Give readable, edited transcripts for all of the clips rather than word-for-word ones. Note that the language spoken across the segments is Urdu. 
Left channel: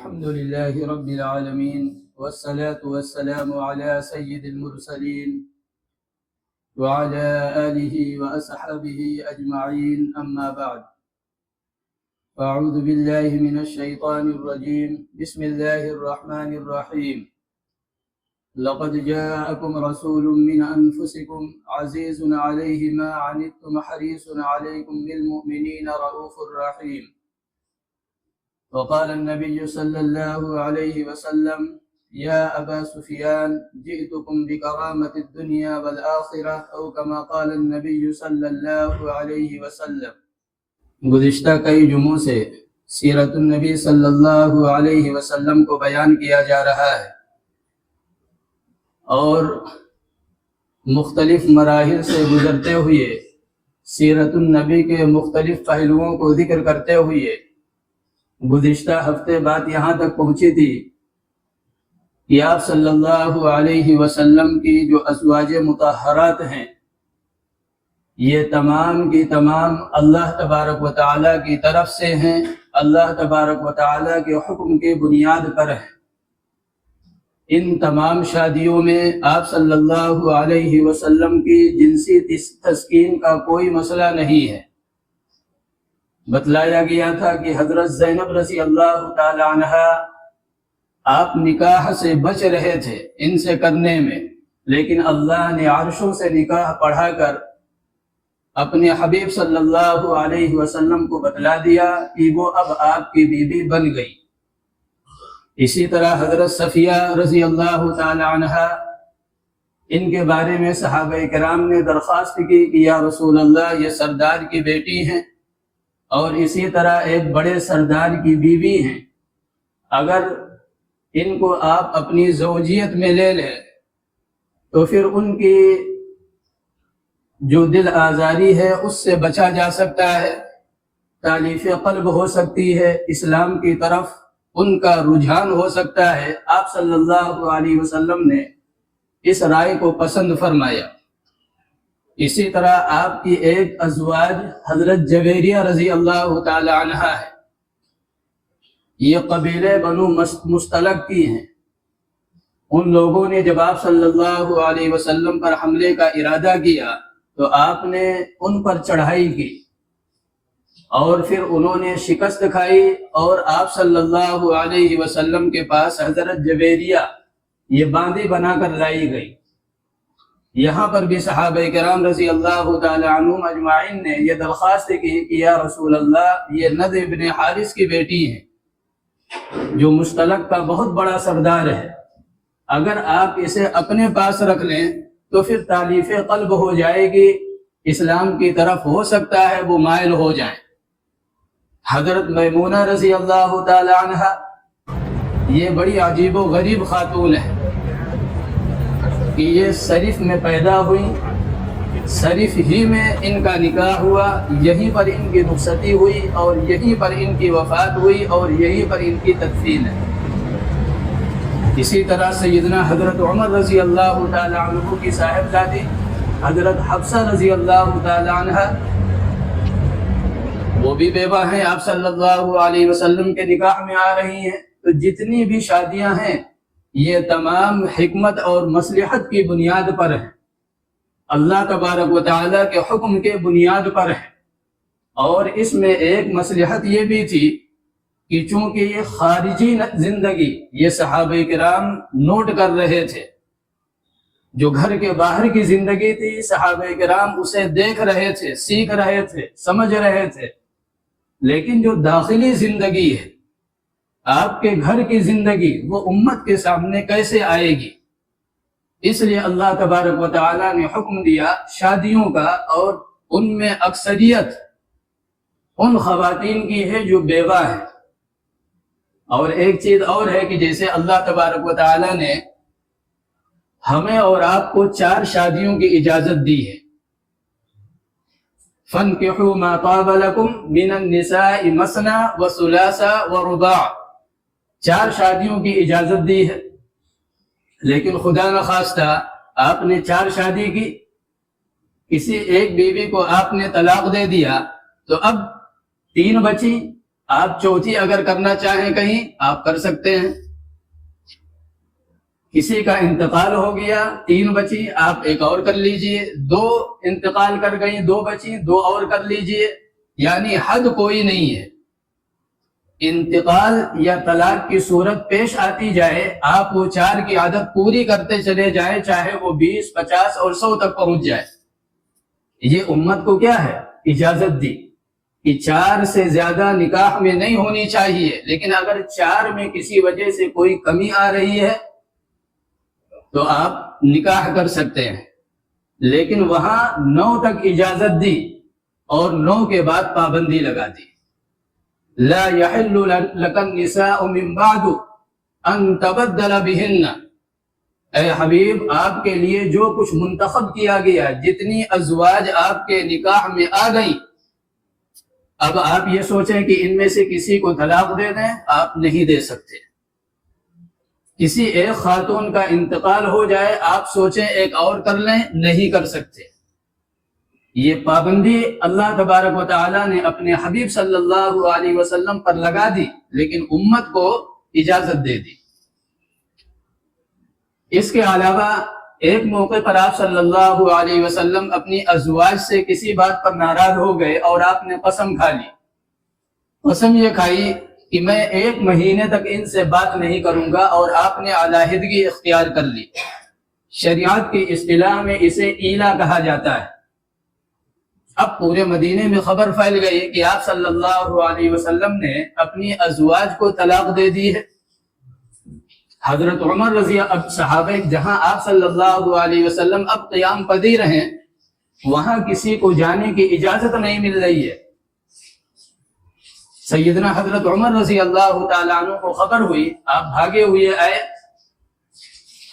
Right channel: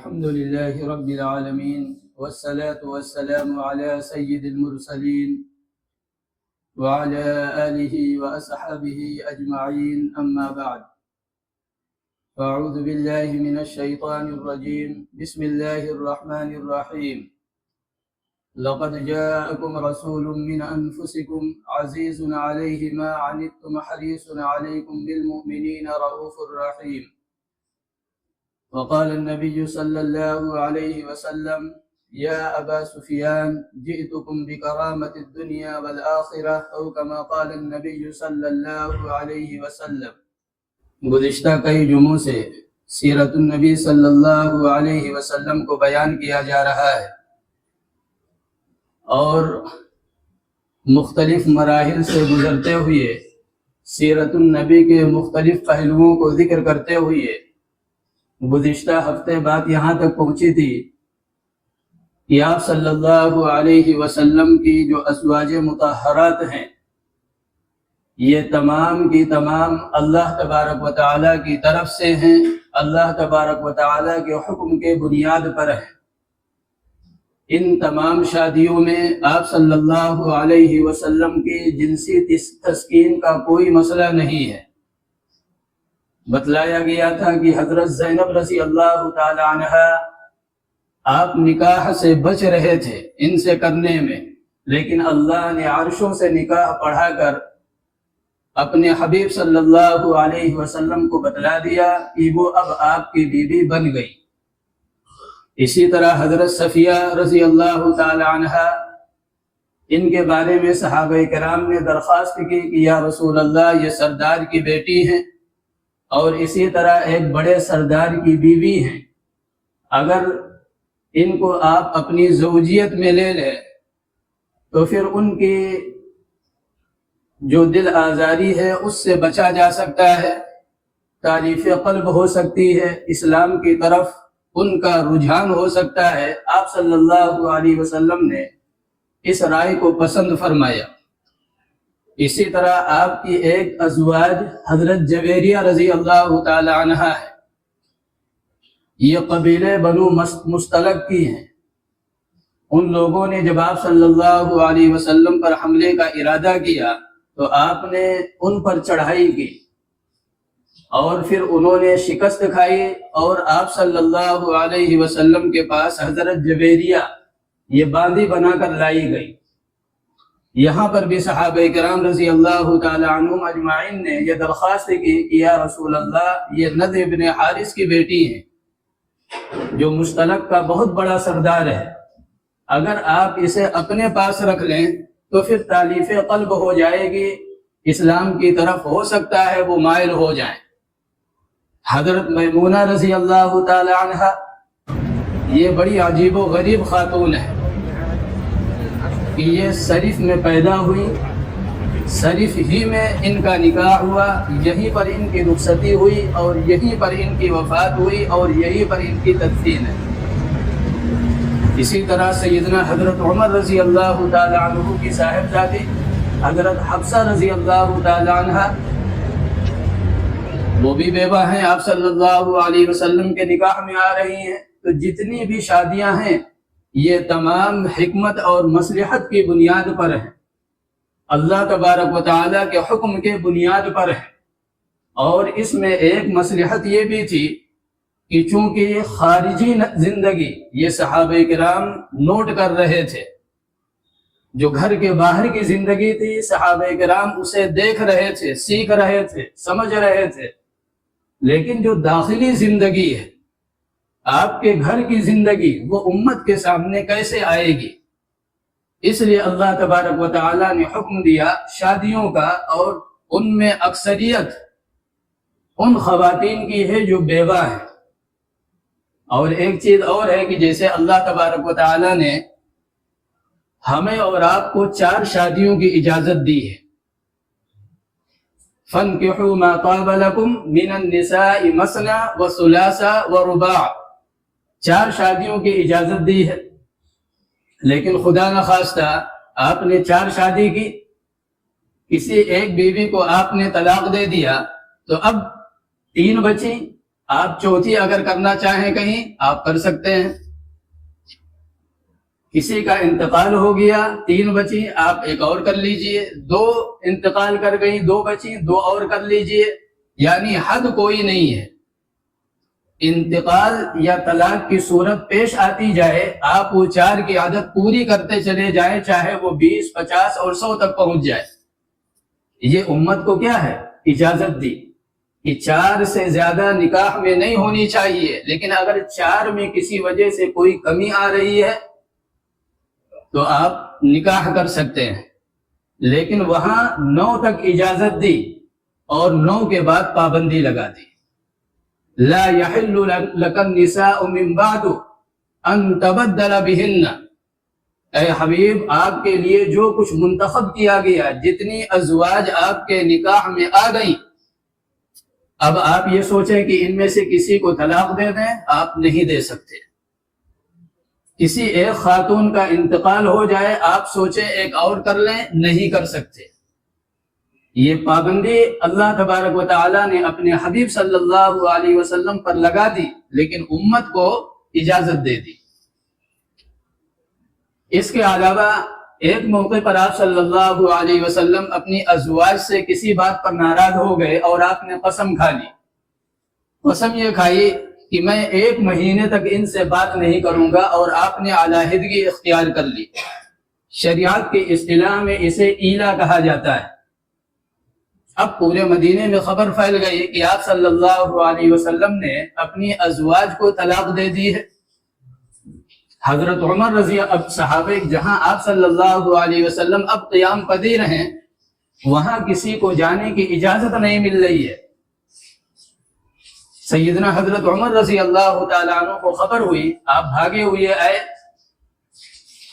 الحمد لله رب العالمين والصلاة والسلام على سيد المرسلين وعلى آله وأصحابه أجمعين أما بعد فأعوذ بالله من الشيطان الرجيم بسم الله الرحمن الرحيم لقد جاءكم رسول من أنفسكم عزيز عليه ما عنتم حريص عليكم بالمؤمنين رؤوف رحيم وقال النبي صلى الله عليه وسلم يا أبا سفيان جئتكم بكرامة الدنيا والآخرة أو كما قال النبي صلى الله عليه وسلم۔ گزشتہ کئی جمعوں سے سیرت النبی صلی اللہ علیہ وسلم کو بیان کیا جا رہا ہے اور مختلف مراحل سے گزرتے ہوئے سیرت النبی کے مختلف پہلوؤں کو ذکر کرتے ہوئے گزشتہ ہفتے بات یہاں تک پہنچی تھی کہ آپ صلی اللہ علیہ وسلم کی جو ازواج مطہرات ہیں یہ تمام کی تمام اللہ تبارک و تعالیٰ کی طرف سے ہیں، اللہ تبارک و تعالیٰ کے حکم کے بنیاد پر ہیں۔ ان تمام شادیوں میں آپ صلی اللہ علیہ وسلم کی جنسی تسکین کا کوئی مسئلہ نہیں ہے۔ بتلایا گیا تھا کہ حضرت زینب رضی اللہ تعالی عنہ آپ نکاح سے بچ رہے تھے ان سے کرنے میں، لیکن اللہ نے عرشوں سے نکاح پڑھا کر اپنے حبیب صلی اللہ علیہ وسلم کو بتلا دیا کہ وہ اب آپ کی بیوی بن گئی۔ اسی طرح حضرت صفیہ رضی اللہ تعالی عنہ ان کے بارے میں صحابہ کرام نے درخواست کی کہ یا رسول اللہ یہ سردار کی بیٹی ہیں اور اسی طرح ایک بڑے سردار کی بیوی ہیں، اگر ان کو آپ اپنی زوجیت میں لے لیں تو پھر ان کی جو دل آزاری ہے اس سے بچا جا سکتا ہے، تالیف قلب ہو سکتی ہے، اسلام کی طرف ان کا رجحان ہو سکتا ہے۔ آپ صلی اللہ علیہ وسلم نے اس رائے کو پسند فرمایا۔ اسی طرح آپ کی ایک ازواج حضرت جویریہ رضی اللہ تعالی عنہ ہے، یہ قبیلے بنو مستلق کی ہیں۔ ان لوگوں نے جب آپ صلی اللہ علیہ وسلم پر حملے کا ارادہ کیا تو آپ نے ان پر چڑھائی کی اور پھر انہوں نے شکست کھائی اور آپ صلی اللہ علیہ وسلم کے پاس حضرت جویریہ یہ باندی بنا کر لائی گئی۔ یہاں پر بھی صحابہ کرام رضی اللہ تعالی عنہم اجمعین نے یہ درخواست کی کہ یا رسول اللہ یہ نضر بن حارث کی بیٹی ہے جو مستلق کا بہت بڑا سردار ہے، اگر آپ اسے اپنے پاس رکھ لیں تو پھر تالیف قلب ہو جائے گی، اسلام کی طرف ہو سکتا ہے وہ مائل ہو جائیں۔ حضرت میمونہ رضی اللہ تعالی عنہ یہ بڑی عجیب و غریب خاتون ہے کہ یہ صرف میں پیدا ہوئی، صرف ہی میں ان کا نکاح ہوا، یہیں پر ان کی رخصتی ہوئی اور یہیں پر ان کی وفات ہوئی اور یہیں پر ان کی تدفین ہے۔ اسی طرح سیدنا حضرت عمر رضی اللہ تعالی عنہ کی صاحبزادی حضرت حفصہ رضی اللہ تعالی عنہ وہ بھی بیوہ ہیں، آپ صلی اللہ علیہ وسلم کے نکاح میں آ رہی ہیں۔ تو جتنی بھی شادیاں ہیں یہ تمام حکمت اور مصلحت کی بنیاد پر ہیں، اللہ تبارک و تعالیٰ کے حکم کے بنیاد پر ہیں۔ اور اس میں ایک مصلحت یہ بھی تھی کہ چونکہ خارجی زندگی یہ صحابہ کرام نوٹ کر رہے تھے، جو گھر کے باہر کی زندگی تھی صحابہ کرام اسے دیکھ رہے تھے، سیکھ رہے تھے، سمجھ رہے تھے، لیکن جو داخلی زندگی ہے آپ کے گھر کی زندگی وہ امت کے سامنے کیسے آئے گی، اس لیے اللہ تبارک و تعالیٰ نے حکم دیا شادیوں کا، اور ان میں اکثریت ان خواتین کی ہے جو بیوہ ہے۔ اور ایک چیز اور ہے کہ جیسے اللہ تبارک و تعالیٰ نے ہمیں اور آپ کو 4 شادیوں کی اجازت دی ہے۔ فَانْكِحُوا مَا طَابَ لَكُمْ مِنَ النِّسَاءِ مَثْنَى وَثُلَاثَ وَرُبَاعَ، 4 شادیوں کی اجازت دی ہے، لیکن خدا نخواستہ آپ نے 4 شادی کی، کسی ایک بیوی کو آپ نے طلاق دے دیا تو اب 3 بچیں، آپ چوتھی اگر کرنا چاہیں کہیں آپ کر سکتے ہیں. کسی کا انتقال ہو گیا 3 بچی آپ ایک اور کر لیجئے, 2 انتقال کر گئی 2 بچی 2 اور کر لیجئے. یعنی حد کوئی نہیں ہے. انتقال یا طلاق کی صورت پیش آتی جائے آپ وہ 4 کی عادت پوری کرتے چلے جائے, چاہے وہ 20 50 اور 100 تک پہنچ جائے. یہ امت کو کیا ہے اجازت دی کہ 4 سے زیادہ نکاح میں نہیں ہونی چاہیے. لیکن اگر 4 میں کسی وجہ سے کوئی کمی آ رہی ہے تو آپ نکاح کر سکتے ہیں. لیکن وہاں 9 تک اجازت دی اور 9 کے بعد پابندی لگا دی. لا يحل لك النساء من بعد ان تبدل بهن. اے حبیب آپ کے لیے جو کچھ منتخب کیا گیا, جتنی ازواج آپ کے نکاح میں آ گئیں, اب آپ یہ سوچیں کہ ان میں سے کسی کو طلاق دے دیں, آپ نہیں دے سکتے. کسی ایک خاتون کا انتقال ہو جائے آپ سوچیں ایک اور کر لیں, نہیں کر سکتے. یہ پابندی اللہ تبارک و تعالیٰ نے اپنے حبیب صلی اللہ علیہ وسلم پر لگا دی, لیکن امت کو اجازت دے دی. اس کے علاوہ ایک موقع پر آپ صلی اللہ علیہ وسلم اپنی ازواج سے کسی بات پر ناراض ہو گئے اور آپ نے قسم کھا لی. قسم یہ کھائی کہ میں 1 مہینے تک ان سے بات نہیں کروں گا, اور آپ نے علیحدگی اختیار کر لی. شریعت کی اصطلاح میں اسے ایلا کہا جاتا ہے. اب پورے مدینے میں خبر پھیل گئی کہ آپ صلی اللہ علیہ وسلم نے اپنی ازواج کو طلاق دے دی ہے. حضرت عمر رضی اللہ صحابہ جہاں آپ صلی اللہ علیہ وسلم اب قیام پذیر ہیں, وہاں کسی کو جانے کی اجازت نہیں مل رہی ہے. سیدنا حضرت عمر رضی اللہ تعالیٰ عنہ کو خبر ہوئی, آپ بھاگے ہوئے آئے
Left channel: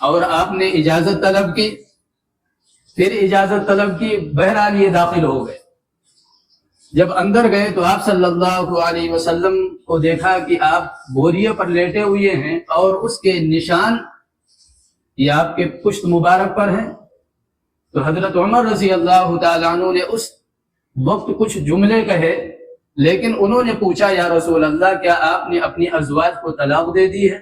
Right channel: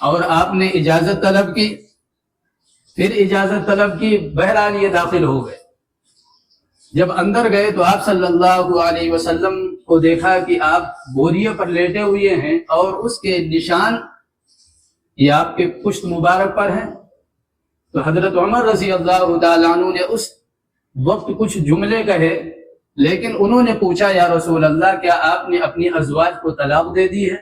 اور آپ نے اجازت طلب کی. پھر اجازت طلب کی, بہرحال یہ داخل ہو گئے. جب اندر گئے تو آپ صلی اللہ علیہ وسلم کو دیکھا کہ آپ بوریے پر لیٹے ہوئے ہیں اور اس کے نشان یہ آپ کے پشت مبارک پر ہیں. تو حضرت عمر رضی اللہ تعالیٰ عنہ نے اس وقت کچھ جملے کہے, لیکن انہوں نے پوچھا یا رسول اللہ کیا آپ نے اپنی ازواج کو طلاق دے دی ہے؟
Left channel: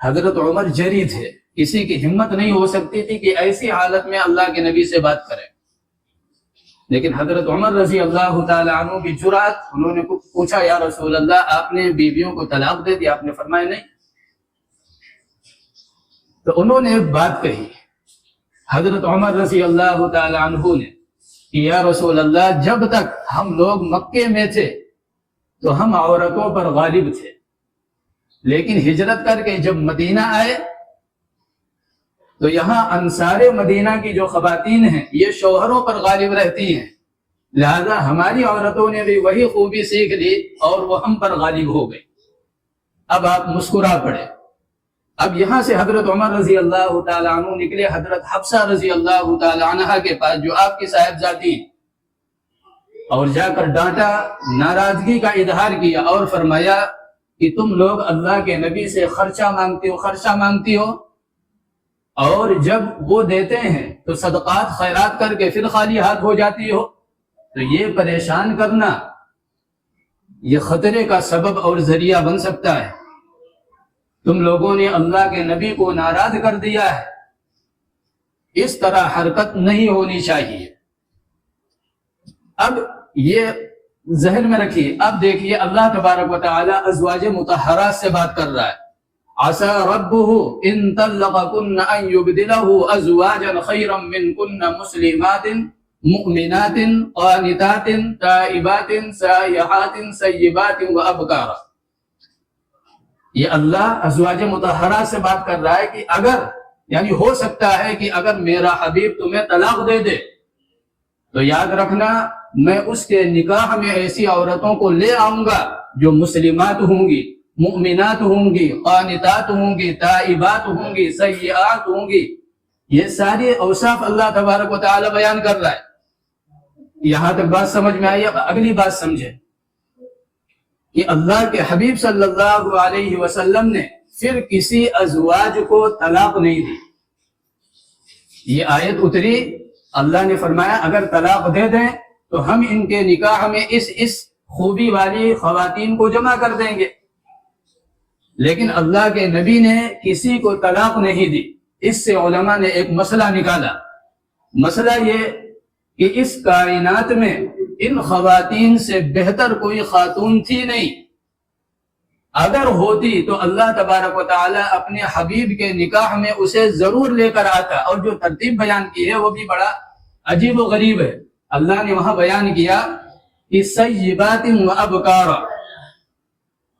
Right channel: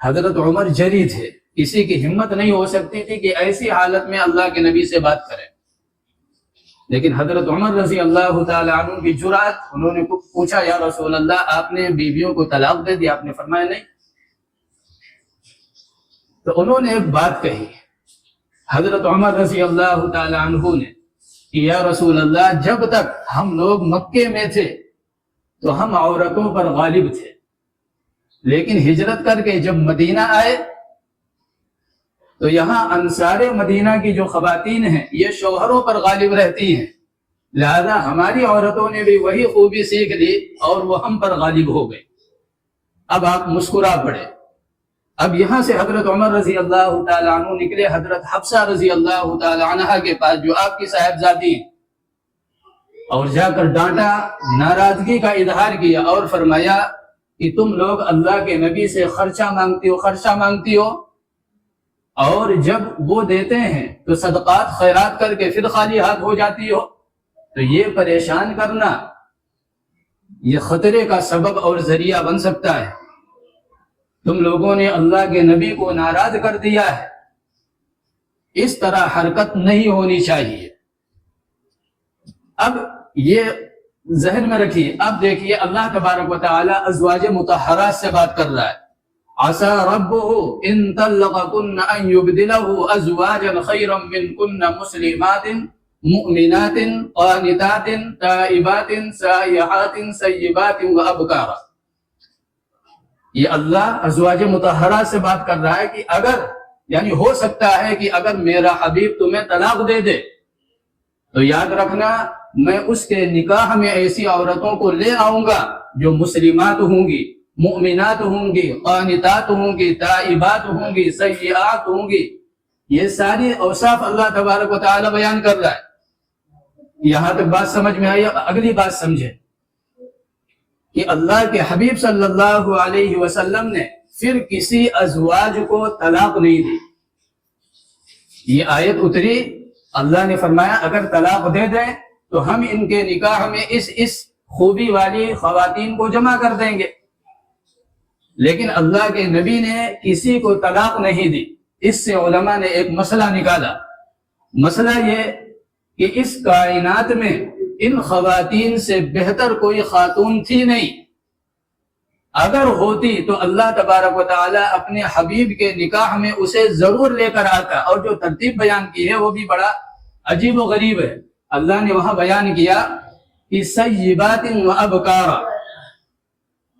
حضرت عمر جری تھے, کسی کی ہمت نہیں ہو سکتی تھی کہ ایسی حالت میں اللہ کے نبی سے بات کریں. لیکن حضرت عمر رضی اللہ تعالیٰ عنہ کی جرأت, انہوں نے پوچھا یا رسول اللہ آپ نے بیویوں کو طلاق دے دیا؟ آپ نے فرمایا نہیں. تو انہوں نے ایک بات کہی حضرت عمر رضی اللہ تعالیٰ عنہ نے کہ یا رسول اللہ جب تک ہم لوگ مکے میں تھے تو ہم عورتوں پر غالب تھے, لیکن ہجرت کر کے جب مدینہ آئے تو یہاں انصار مدینہ کی جو خواتین ہیں یہ شوہروں پر غالب رہتی ہیں, لہذا ہماری عورتوں نے بھی وہی خوبی سیکھ لی اور وہ ہم پر غالب ہو گئے. اب آپ مسکرا پڑے. اب یہاں سے حضرت عمر رضی اللہ تعالیٰ عنہ نکلے حضرت حفصہ رضی اللہ تعالیٰ عنہ کے پاس جو آپ کی صاحبزادی, اور جا کر ڈانٹا, ناراضگی کا اظہار کیا اور فرمایا کہ تم لوگ اللہ کے نبی سے خرچہ مانگتی ہو اور جب وہ دیتے ہیں تو صدقات خیرات کر کے پھر خالی ہاتھ ہو جاتی ہو. تو یہ پریشان کرنا یہ خطرے کا سبب اور ذریعہ بن سکتا ہے. تم لوگوں نے اللہ کے نبی کو ناراض کر دیا ہے. اس طرح حرکت نہیں ہونی چاہیے. اب یہ ذہن میں رکھیے. اب دیکھیے اللہ تبارک و تعالی ازواج مطہرات سے بات کر رہا ہے. عسى ربه ان طلقكن ان يبدله ازواجا خيرا منكن مسلمات مؤمنات قانتات تائبات سائحات سیبات وابکارا. یہ اللہ ازواج مطہرات سے بات کر رہا ہے کہ اگر یعنی ہو سکتا ہے کہ اگر میرا حبیب تمہیں طلاق دے دے تو یاد رکھنا میں اس کے نکاح میں ایسی عورتوں کو لے آؤں گا جو مسلمات ہوں گی, مؤمنات ہوں گی, قانتات ہوں گی, تائبات ہوں گی, سیئات ہوں گی. یہ ساری اوصاف اللہ تبارک و تعالی بیان کر رہا ہے. یہاں تک بات سمجھ میں آئی. اگلی بات سمجھے کہ اللہ کے حبیب صلی اللہ علیہ وسلم نے پھر کسی ازواج کو طلاق نہیں دی. یہ آیت اتری, اللہ نے فرمایا اگر طلاق دے دیں تو ہم ان کے نکاح میں اس خوبی والی خواتین کو جمع کر دیں گے، لیکن اللہ کے نبی نے کسی کو طلاق نہیں دی۔ اس سے علماء نے ایک مسئلہ نکالا، مسئلہ یہ کہ اس کائنات میں ان خواتین سے بہتر کوئی خاتون تھی نہیں، اگر ہوتی تو اللہ تبارک و تعالی اپنے حبیب کے نکاح میں اسے ضرور لے کر آتا۔ اور جو ترتیب بیان کی ہے وہ بھی بڑا عجیب و غریب ہے۔ اللہ نے وہاں بیان کیا کہ سیبات و ابکارا،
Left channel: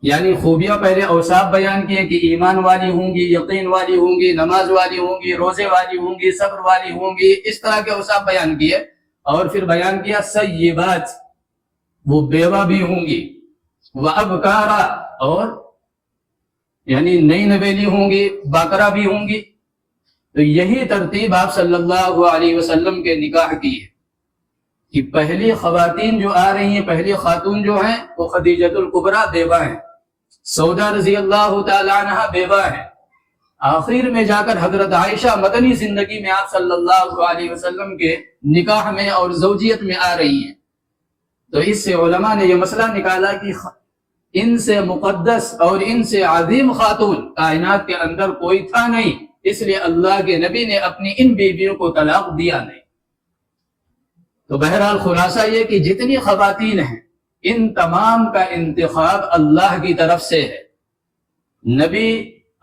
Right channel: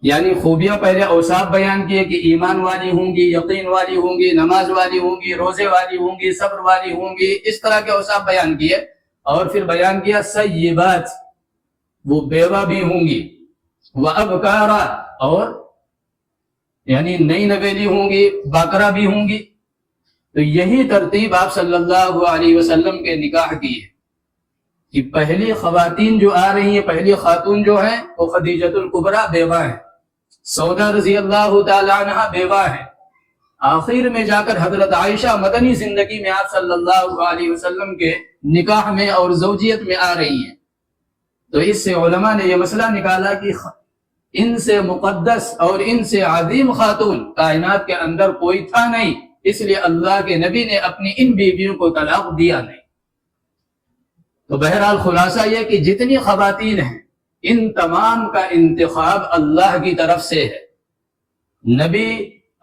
یعنی خوبیاں پہلے اوصاف بیان کیے کہ ایمان والی ہوں گی، یقین والی ہوں گی، نماز والی ہوں گی، روزے والی ہوں گی، صبر والی ہوں گی، اس طرح کے اوصاف بیان کیے، اور پھر بیان کیا سیبات، وہ بیوہ بھی ہوں گی، وہ ابکارا، اور یعنی نئی نویلی ہوں گی، باکرہ بھی ہوں گی۔ تو یہی ترتیب آپ صلی اللہ علیہ وسلم کے نکاح کی ہے کہ پہلی خواتین جو آ رہی ہیں، پہلی خاتون جو ہیں وہ خدیجۃ الکبریٰ بیوہ ہیں، سودا رضی اللہ تعالی عنہ بیوہ ہیں، آخر میں جا کر حضرت عائشہ مدنی زندگی میں آپ صلی اللہ علیہ وسلم کے نکاح میں اور زوجیت میں آ رہی ہیں۔ تو اس سے علماء نے یہ مسئلہ نکالا کہ ان سے مقدس اور ان سے عظیم خاتون کائنات کے اندر کوئی تھا نہیں، اس لیے اللہ کے نبی نے اپنی ان بیویوں کو طلاق دیا نہیں۔ تو بہرحال خلاصہ یہ کہ جتنی خواتین ہیں ان تمام کا انتخاب اللہ کی طرف سے ہے، نبی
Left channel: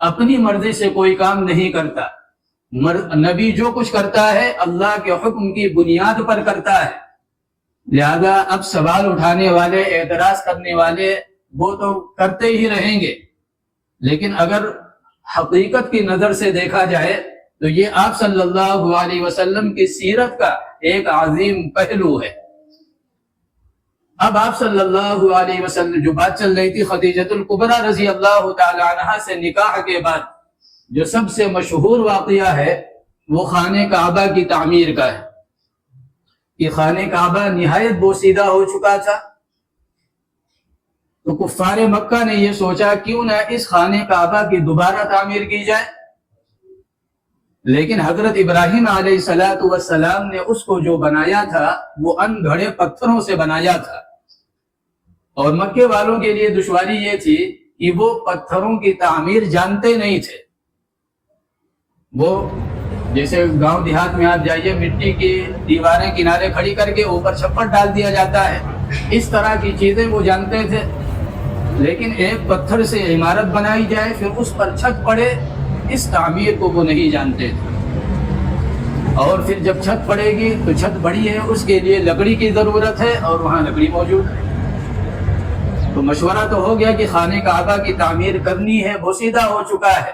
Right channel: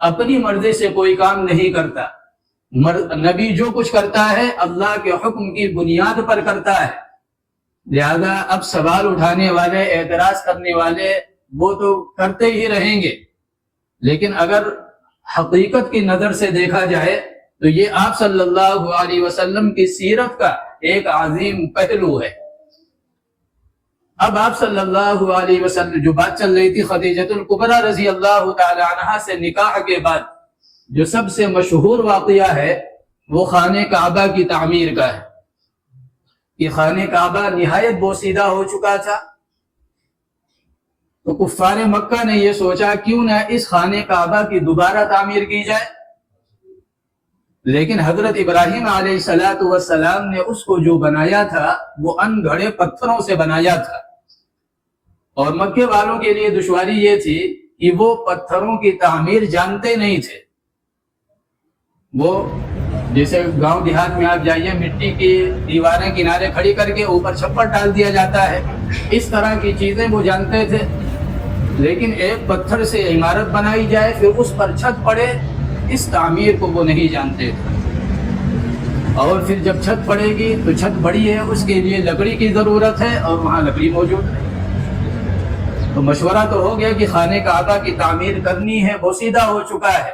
اپنی مرضی سے کوئی کام نہیں کرتا، نبی جو کچھ کرتا ہے اللہ کے حکم کی بنیاد پر کرتا ہے۔ لہذا اب سوال اٹھانے والے، اعتراض کرنے والے وہ تو کرتے ہی رہیں گے، لیکن اگر حقیقت کی نظر سے دیکھا جائے تو یہ آپ صلی اللہ علیہ وسلم کی سیرت کا ایک عظیم پہلو ہے۔ اب آپ صلی اللہ علیہ وسلم جو بات چل رہی تھی خدیجۃ الکبریٰ رضی اللہ تعالی عنہا سے نکاح کے بعد جو سب سے مشہور واقعہ ہے وہ خانہ کعبہ کی تعمیر کا ہے کہ خانہ کعبہ نہایت بوسیدہ ہو چکا تھا، تو کفار مکہ نے یہ سوچا کیوں نہ اس خانہ کعبہ کی دوبارہ تعمیر کی جائے، لیکن حضرت ابراہیم علیہ السلام نے اس کو جو بنایا تھا وہ ان گھڑے پتھروں سے بنایا تھا، اور مکے والوں کے لیے دشواری یہ تھی کہ وہ پتھروں کی تعمیر جانتے نہیں تھے۔ وہ جیسے گاؤں دیہات میں آپ جائیے، مٹی کی دیواریں کنارے کھڑی کر کے اوپر چھپر ڈال دیا جاتا ہے، اس طرح کی چیزیں وہ جانتے تھے، لیکن ایک پتھر سے عمارت بنائی جائے پھر اس پر چھت پڑے، اس تعمیر کو وہ نہیں جانتے تھے۔ اور پھر جب چھت پڑے گی تو چھت بڑی ہے، اس کے لیے لکڑی کی ضرورت ہے، اور وہاں لکڑی موجود ہے۔ تو مشورہ تو ہو گیا کہ خانہ کعبہ کی تعمیر کرنی ہے، بوسیدہ ہو چکا ہے،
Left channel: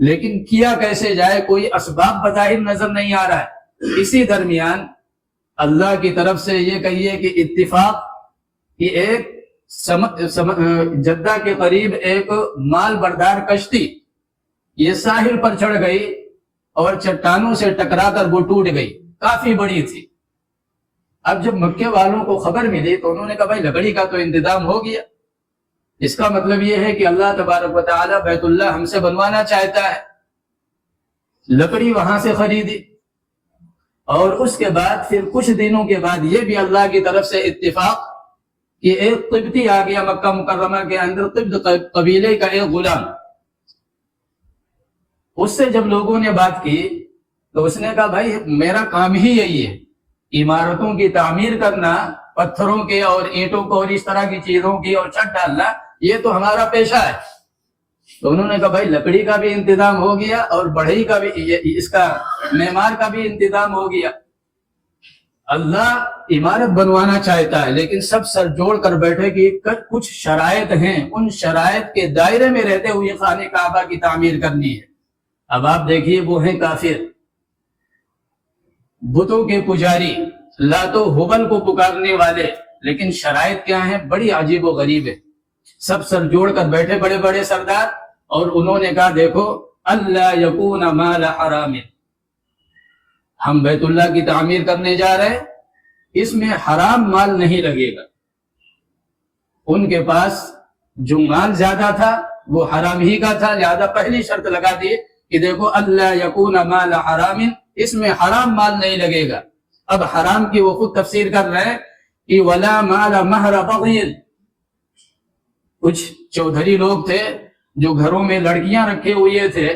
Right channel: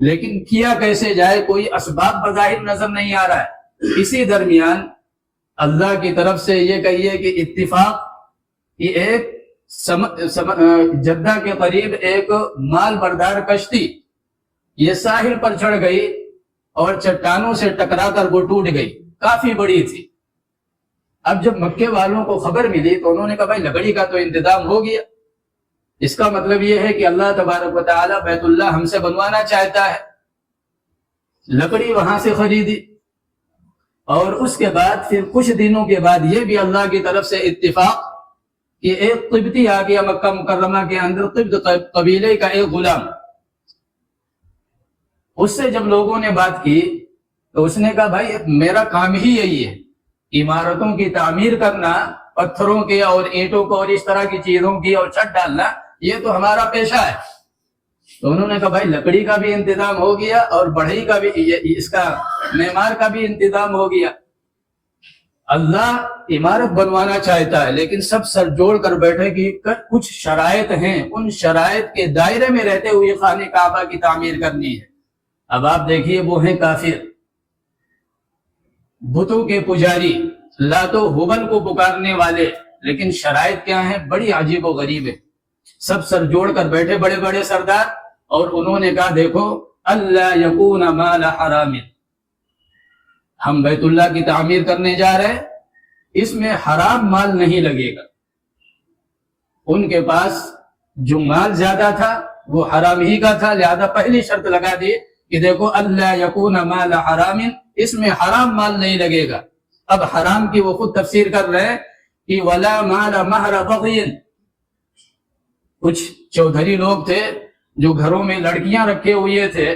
لیکن کیا کیسے جائے، کوئی اسباب بظاہر نظر نہیں آ رہا ہے۔ اسی درمیان اللہ کی طرف سے یہ کہیے کہ اتفاق کہ ایک جدہ کے قریب ایک مال بردار کشتی یہ ساحل پر چڑھ گئی اور چٹانوں سے ٹکرا کر وہ ٹوٹ گئی، کافی بڑی تھی۔ اب جب مکے والوں کو خبر ملی تو انہوں نے کہا بھائی لکڑی کا تو انتظام ہو گیا، اس کا مطلب یہ ہے کہ اللہ تبارک و تعالی بیت اللہ ہم سے بنوانا چاہتا ہے۔ لکڑی وہاں سے خریدی، اور اس کے بعد پھر کچھ دنوں کے بعد یہ بھی اللہ کی طرف سے اتفاق کہ ایک قبطی آ گیا مکہ مکرمہ کے اندر، قبط قبیلے کا ایک غلام۔ اس سے جب لوگوں نے بات کی تو اس نے کہا بھائی میرا کام ہی یہی ہے، عمارتوں کی تعمیر کرنا، پتھروں کے اور اینٹوں کو اور اس طرح کی چیزوں کی اور چھت ڈالنا، یہ تو ہمارا پیشہ ہے۔ تو انہوں نے کہا بھائی لکڑی کا بھی انتظام ہو گیا اور بڑھئی کا بھی، اس کا معمار کا بھی انتظام ہو گیا۔ اللہ عمارت بنوانا چاہتا ہے، لیکن سب سر جوڑ کر بیٹھے کہ کچھ شرائط ہیں، ان شرائط کے دائرے میں رہتے ہوئے خانہ کعبہ کی تعمیر کرنی ہے۔ اب آپ دیکھیے وہ ہیں کافر، بتوں کے پجاری، لات و حبل کو پکارنے والے، لیکن شرائط کیا ہیں؟ بڑی عجیب و غریب ہے۔ سب سر جوڑ کر بیٹھے بڑے بڑے سردار، اور انہوں نے کہا دیکھو اللہ یکون مال حرام، ہم بیت اللہ کی تعمیر کرنے جا رہے ہیں، اس میں حرام مال نہیں لگے گا۔ ان کے پاس جو مال زیادہ تھا وہ حرام ہی کا تھا، لہذا پہلی شرط لگا دی کہ دیکھو اللہ یکون مال حرام، اس میں حرام مال نہیں لگے گا۔ اب حرام کی وہ خود تفسیر کر رہے ہیں کہ ولا مال مہر بغی، کچھ چودھری لوگ تھے جو گھروں میں لڑکیاں رکھے ہوئے تھے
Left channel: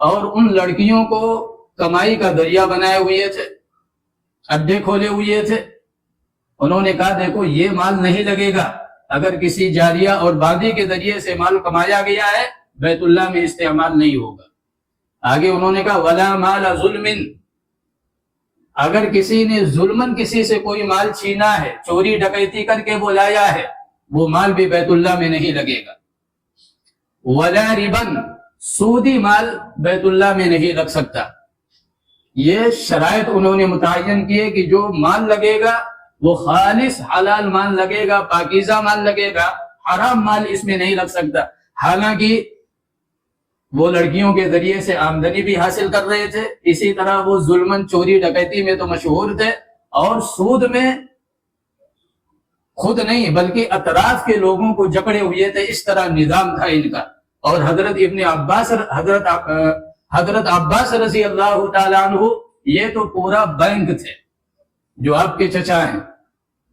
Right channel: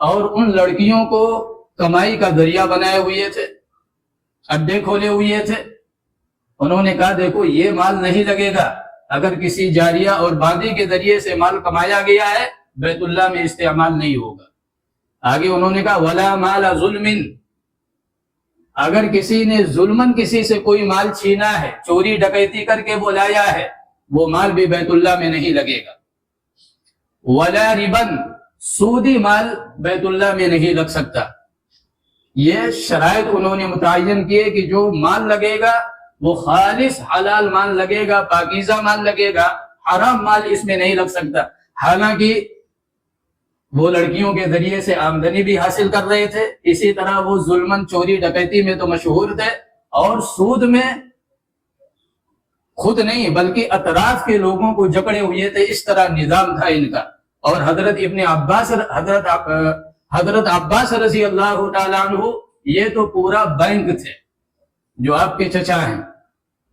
اور ان لڑکیوں کو کمائی کا ذریعہ بنائے ہوئے تھے، اڈے کھولے ہوئے تھے۔ انہوں نے کہا دیکھو یہ مال نہیں لگے گا، اگر کسی جاریہ اور بادی کے ذریعے سے مال کمایا گیا ہے بیت اللہ میں استعمال نہیں ہوگا۔ آگے انہوں نے کہا ولا مال ظلم، اگر کسی نے ظلمن کسی سے کوئی مال چھینا ہے، چوری ڈکیتی کر کے وہ لایا ہے، وہ مال بھی بیت اللہ میں نہیں لگے گا۔ ولا ربن، سودی مال بیت اللہ میں نہیں لگ سکتا۔ یہ شرائط انہوں نے متعین کیے کہ جو مال لگے گا وہ خالص حلال مال لگے گا، پاکیزہ مال لگے گا، حرام مال اس میں نہیں لگ سکتا۔ حالانکہ وہ لڑکیوں کے ذریعے سے آمدنی بھی حاصل کر رہے تھے، اسی طرح وہ ظلمن چوری ڈکیتی میں تو مشہور تھے، اور سود میں خود نہیں بلکہ اطراف کے لوگوں کو جکڑے ہوئے تھے، اس طرح نظام تھا ان کا۔ اور حضرت عباس رضی اللہ تعالیٰ عنہ یہ تو پورا بینک تھے جو آپ کے چچا ہیں،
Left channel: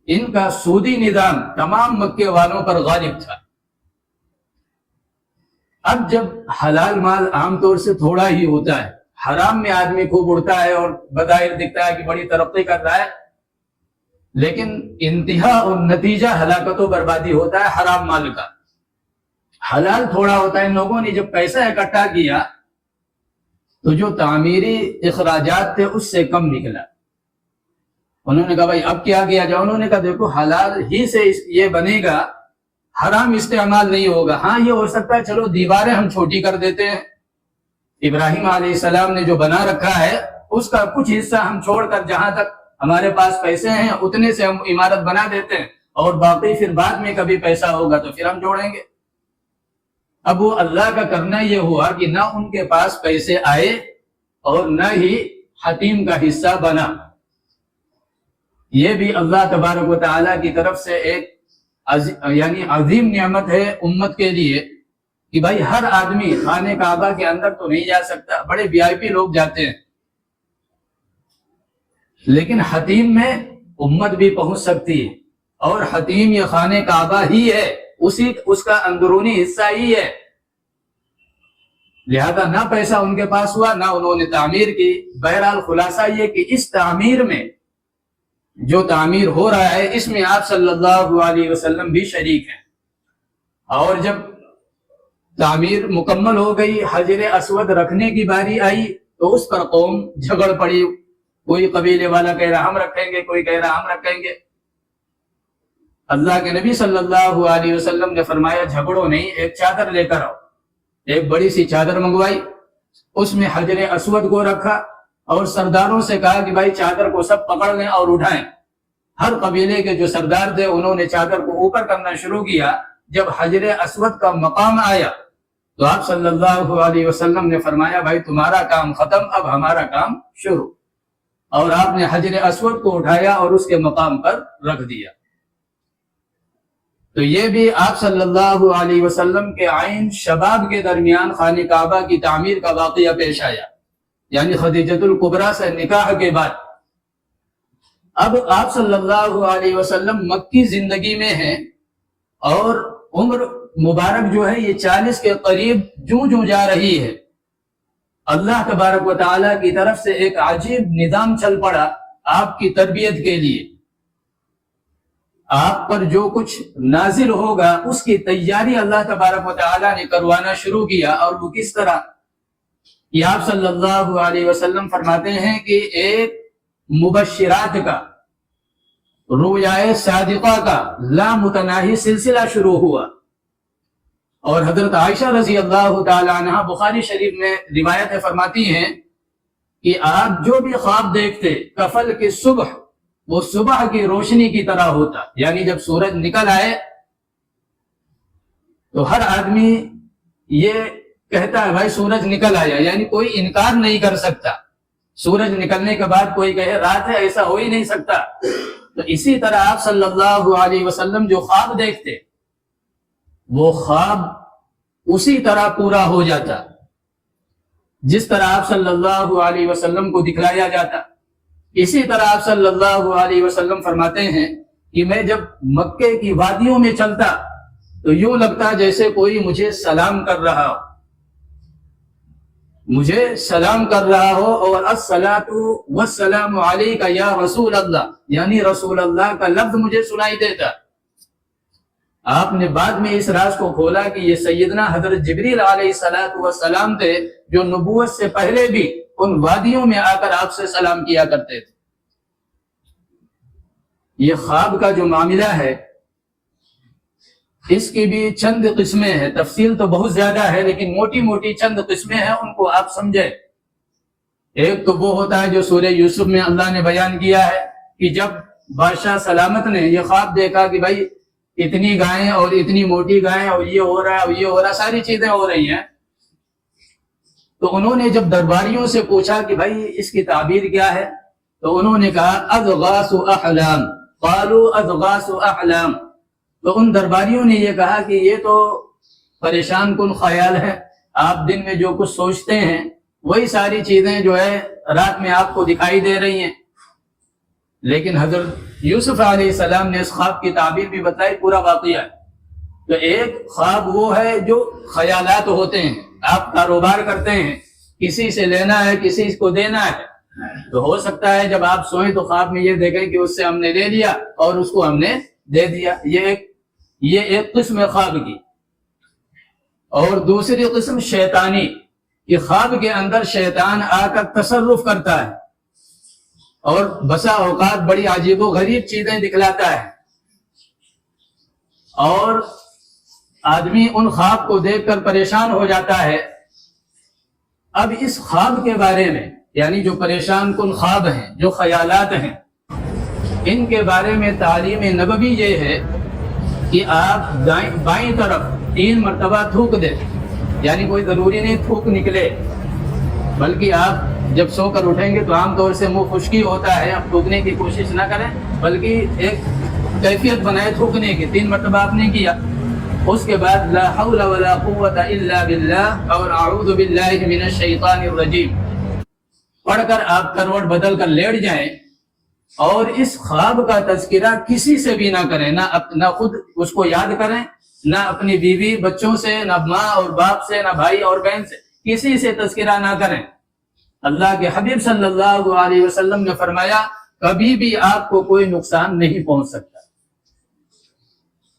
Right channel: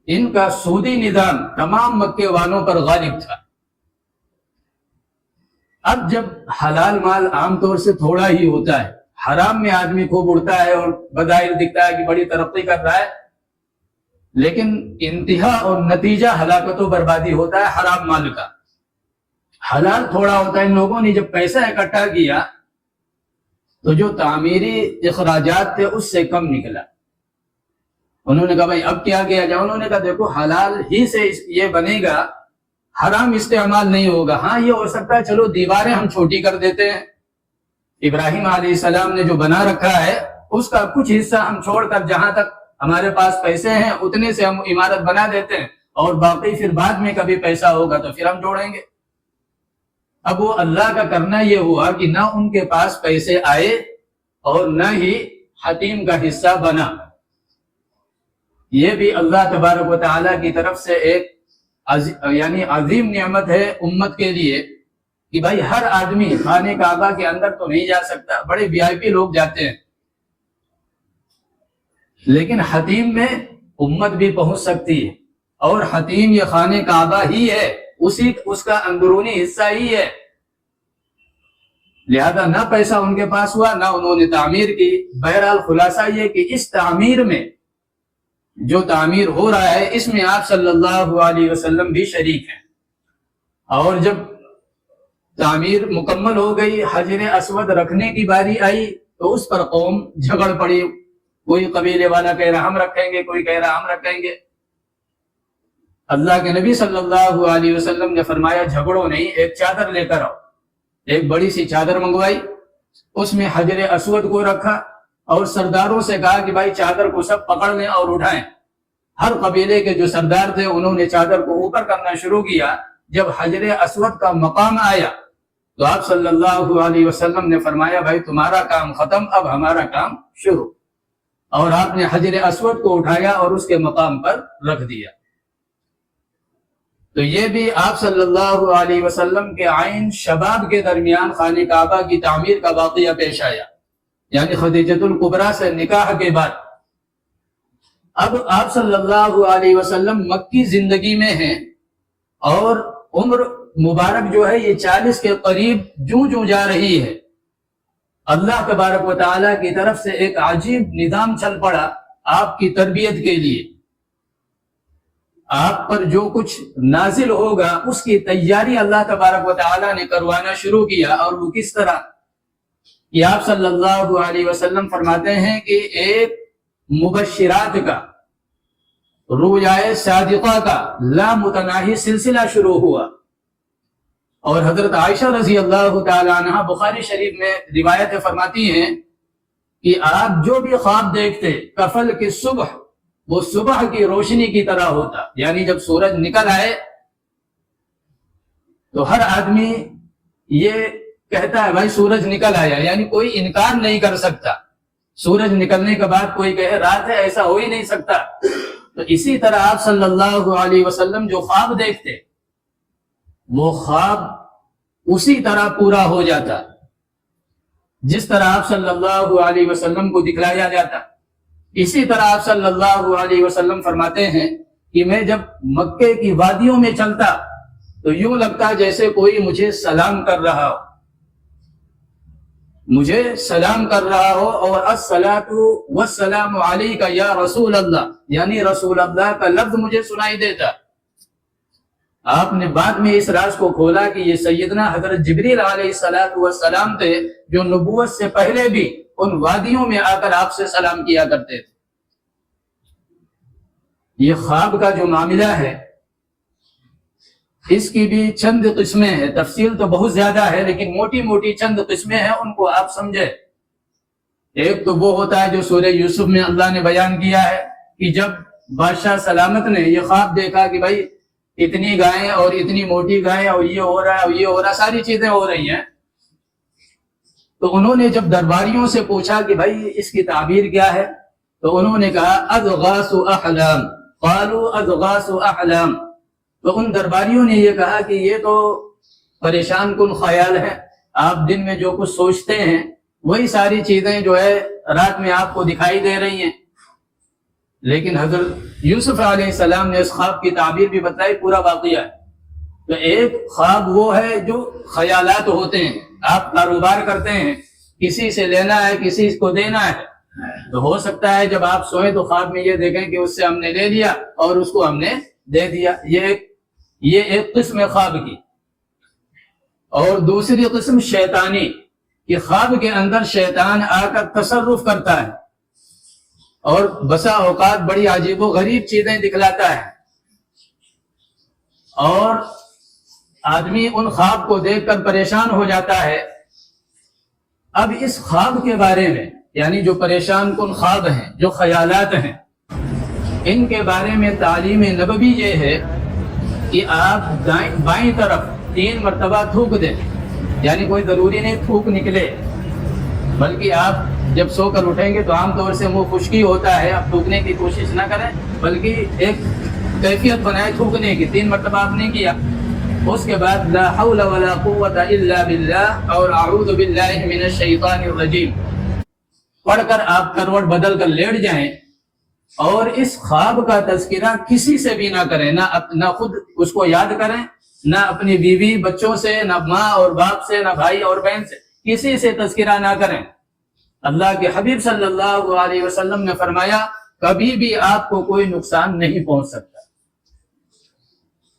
ان کا سودی نظام تمام مکے والوں پر غالب تھا۔ اب جب حلال مال عام طور سے تھوڑا ہی ہوتا ہے، حرام میں آدمی خوب اڑتا ہے اور بظاہر دکھتا ہے کہ بڑی ترقی کر رہا ہے، لیکن انتہا اور نتیجہ ہلاکت و بربادی ہوتا ہے حرام مال کا۔ حلال تھوڑا ہوتا ہے، ان لوگوں نے جب پیسہ اکٹھا کیا تو جو تعمیری اخراجات تھے اس سے کم نکلا۔ انہوں نے کہا بھائی اب کیا کیا جائے؟ انہوں نے کہا دیکھو حلال ہی سے یہ بنے گا، حرام استعمال نہیں ہوگا۔ ہاں یہ ہو سکتا ہے چلو دیواریں ہم چھوٹی کر دیتے ہیں، ابراہیم علیہ السلام نے جو بنا رکھا ہے اس کا کچھ حصہ ہم چھوڑ کر جہاں تک ہمارے پاس پیسے ہیں اتنے سے ہم عمارت بنا دیتے ہیں، اور باقی پھر بعد میں کبھی پیسہ ہوگا تو پھر ہم جوڑیں گے۔ اب وہ اللہ کا کرنا یہ ہوا کہ نہ ان کے پاس پیسے آئے اور نہ ہی حتیم کا حصہ بنا۔ یہ بھی اللہ تبارک و تعالیٰ کی طرف سے ایک یعنی عظیم نعمت ہے امت کے لیے کہ بھائی ہر آدمی خانہ کعبہ کے اندر تو نہیں جا سکتا، بڑے وی آئی پی لوگ جاتے ہیں، لیکن حتیم میں امت بھی پہنچ سکتی ہے، اور حتیم یہ خانہ کعبہ ہی ہے، اس کا اندرونی حصہ ہی ہے، لہذا نہ پیسہ ان کے پاس ہوا نہ انہوں نے تعمیر کی۔ بہرحال خلاصہ یہ کہ اس تعمیر میں جو تعمیر ہو رہا ہے اس میں آپ صلی اللہ علیہ وسلم بھی شریک ہیں، اور جب تعمیر مکمل ہو گئی، حجر اسود رکھنے کی باری آئی تو اس پر قوم جھگڑ پڑی، کوئی قبیلے والا کہہ رہا ہم رکھیں گے، کوئی کہہ رہا ہم رکھیں گے۔ اللہ کے نبی صلی اللہ علیہ وسلم نے فرمایا جھگڑو نہیں، ایک چادر لے کر آؤ۔ ایک بڑی سی چادر منگوائی، اس میں حجر اسود کو رکھا اور سرداروں سے کہا کہ بھائی چادر کو سب پکڑ لیں اور اٹھائیں۔ ہر قبیلے کے جو سردار تھے انہوں نے چادر کو اوپر کرنا شروع کیا۔ جب حجر اسود کا مقام آیا تو آپ صلی اللہ علیہ وسلم نے فرمایا بھائی تمہارا کام ختم، اب ہمارا کام شروع، اور آپ نے حجر اسود کو اٹھایا اور اس کے مقام پر رکھ دیا۔ تو یہ بھی آپ صلی اللہ علیہ وسلم کے عین شباب کے درمیان خانہ کعبہ کی تعمیر کا واقعہ پیش آیا، یعنی خدیجۃ الکبریٰ سے نکاح کے بعد۔ اب آپ صلی اللہ علیہ وسلم مکی زندگی میں ہیں، اور عمر مبارک جو ہے یہ 40 کے قریب جوں جا رہی ہے۔ اللہ تبارک و تعالیٰ کی طرف سے ایک عجیب نظام چل پڑا آپ کی تربیت کے لیے۔ آپ پر جو کچھ نازل ہوگا اس کی تیاری اللہ تبارک و تعالیٰ نے کروانا شروع کیا، اور وہ کس طرح کہ آپ صلی اللہ علیہ وسلم فرماتے ہیں کہ ایک مبشرات کا، رویائے صادقہ کا لامتناہی سلسلہ شروع ہوا۔ اور حضرت عائشہ رضی اللہ تعالی عنہ بخاری شریف میں روایت فرماتی ہیں کہ آپ جو بھی خواب دیکھتے کفل کی صبح، وہ صبح کی روشنی کی طرح ہوتا، یعنی جب سورج نکل آئے تو ہر آدمی یہ کہتا ہے بھائی سورج نکل آیا، یعنی کوئی انکار نہیں کر سکتا۔ سورج نکلنے کے بعد کوئی کہے رات ہے، ایسا ہو ہی نہیں سکتا۔ تو اسی طرح آپ صلی اللہ علیہ وسلم جو خواب دیکھتے وہ خواب اسی طرح پورا ہو جاتا جس طرح آپ صلی اللہ علیہ وسلم کو دکھلایا جاتا۔ اسی طرح آپ صلی اللہ علیہ وسلم فرماتے ہیں کہ میں جب مکے کی وادیوں میں چلتا تو یوں لگتا جیسے کوئی مجھے سلام کر رہا ہو، اور الصلاۃ والسلام علیک یا رسول اللہ، یعنی رسول اللہ کا لفظ مجھے سنائی دیتا۔ آپ نے بعد میں اس راز کو کھولا کہ یہ سیدنا حضرت جبریل علیہ السلام تھے جو نبوت سے پہلے بھی ان وادیوں میں آ کر آپ سے سلام کیا کرتے تھے۔ یہ خواب کا جو معاملہ ہے اس کی بھی چند قسمیں ہیں، تفصیل تو بہت زیادہ ہے لیکن موٹی موٹی چند قسمیں ہیں، ان کو آپ سمجھیں۔ ایک تو وہ ہوتا ہے جو سورہ یوسف میں اللہ نے بیان کیا ہے کہ جب بادشاہ سلامت نے یہ خواب دیکھا کہ بھائی اتنی گائیں اور اتنی موٹی گائیں اور یہ ہو رہا ہے اور یہ ہو رہا ہے، ساری چیزیں ہو رہی ہیں، تو انہوں نے جب درباریوں سے پوچھا کہ بھائی اس کی تعبیر کیا ہے تو انہوں نے کہا اضغاث احلام، قالوا اضغاث احلام۔ تو ان درباریوں نے یہ کہا کہ یہ تو پریشان کن خیال ہے، آپ دن میں جو کچھ سوچتے ہیں وہی ساری چیزیں جو ہے رات میں آپ کو دکھائی دے رہی ہیں۔ لیکن حضرت یوسف علیہ السلام نے اس خواب کی تعبیر بھی بتائی، پورا واقعہ ہے۔ تو ایک خواب وہ ہے جو خیالات ہوتے ہیں، آپ کاروبار کرتے ہیں، کسی سے لینا ہے کسی کو دینا ہے، تو ہو سکتا ہے جب آپ سوئیں تو خواب میں یہ دیکھیں کہ اس سے ہم نے لے لیا اور اس کو ہم نے دے دیا، یہ ایک قسم خواب کی۔ اور دوسری قسم شیطانی، کہ خواب کے اندر شیطان آ کر تصرف کرتا ہے اور بسا اوقات بڑی عجیب و غریب چیزیں دکھلاتا ہے، اور آدمی ان خواب کو دیکھ کر پریشان ہو جاتا ہے۔ اب اس خواب کے بارے میں، یعنی جو پریشان کن خواب ہیں، جو خیالات ہیں، ان کے بارے میں تعلیم نبوی یہ ہے کہ آپ بائیں طرف 3 مرتبہ تھوک دیں، یعنی کوئی ضروری نہیں تھوک نکلے، بلکہ آپ جب سو کر اٹھیں گے تو عام طور سے منہ خشکی ہوتا ہے، آپ تھوکنے کی کوشش نہ کریں بلکہ ایک کیفیت بنائے تھوکنے کی۔ 3 مرتبہ آپ نے کیا، اس کے بعد لا حول ولا قوت الا باللہ اور اعوذ باللہ من الشیطان الرجیم پڑھ کر آپ کروٹ بدل کر لیٹ جائیں، اور اس خواب کا تذکرہ کسی سے بھی نہ کریں، نہ خود اس کو یاد کریں، نہ اپنی بیوی بچوں سے، نہ ماں اور باپ سے، نہ بھائی اور بہن سے، کسی سے تذکرہ نہ کریں۔ اللہ کے حبیب صلی اللہ علیہ وسلم نے فرمایا کبھی بھی آپ کو کوئی نقصان نہیں پہنچ سکتا۔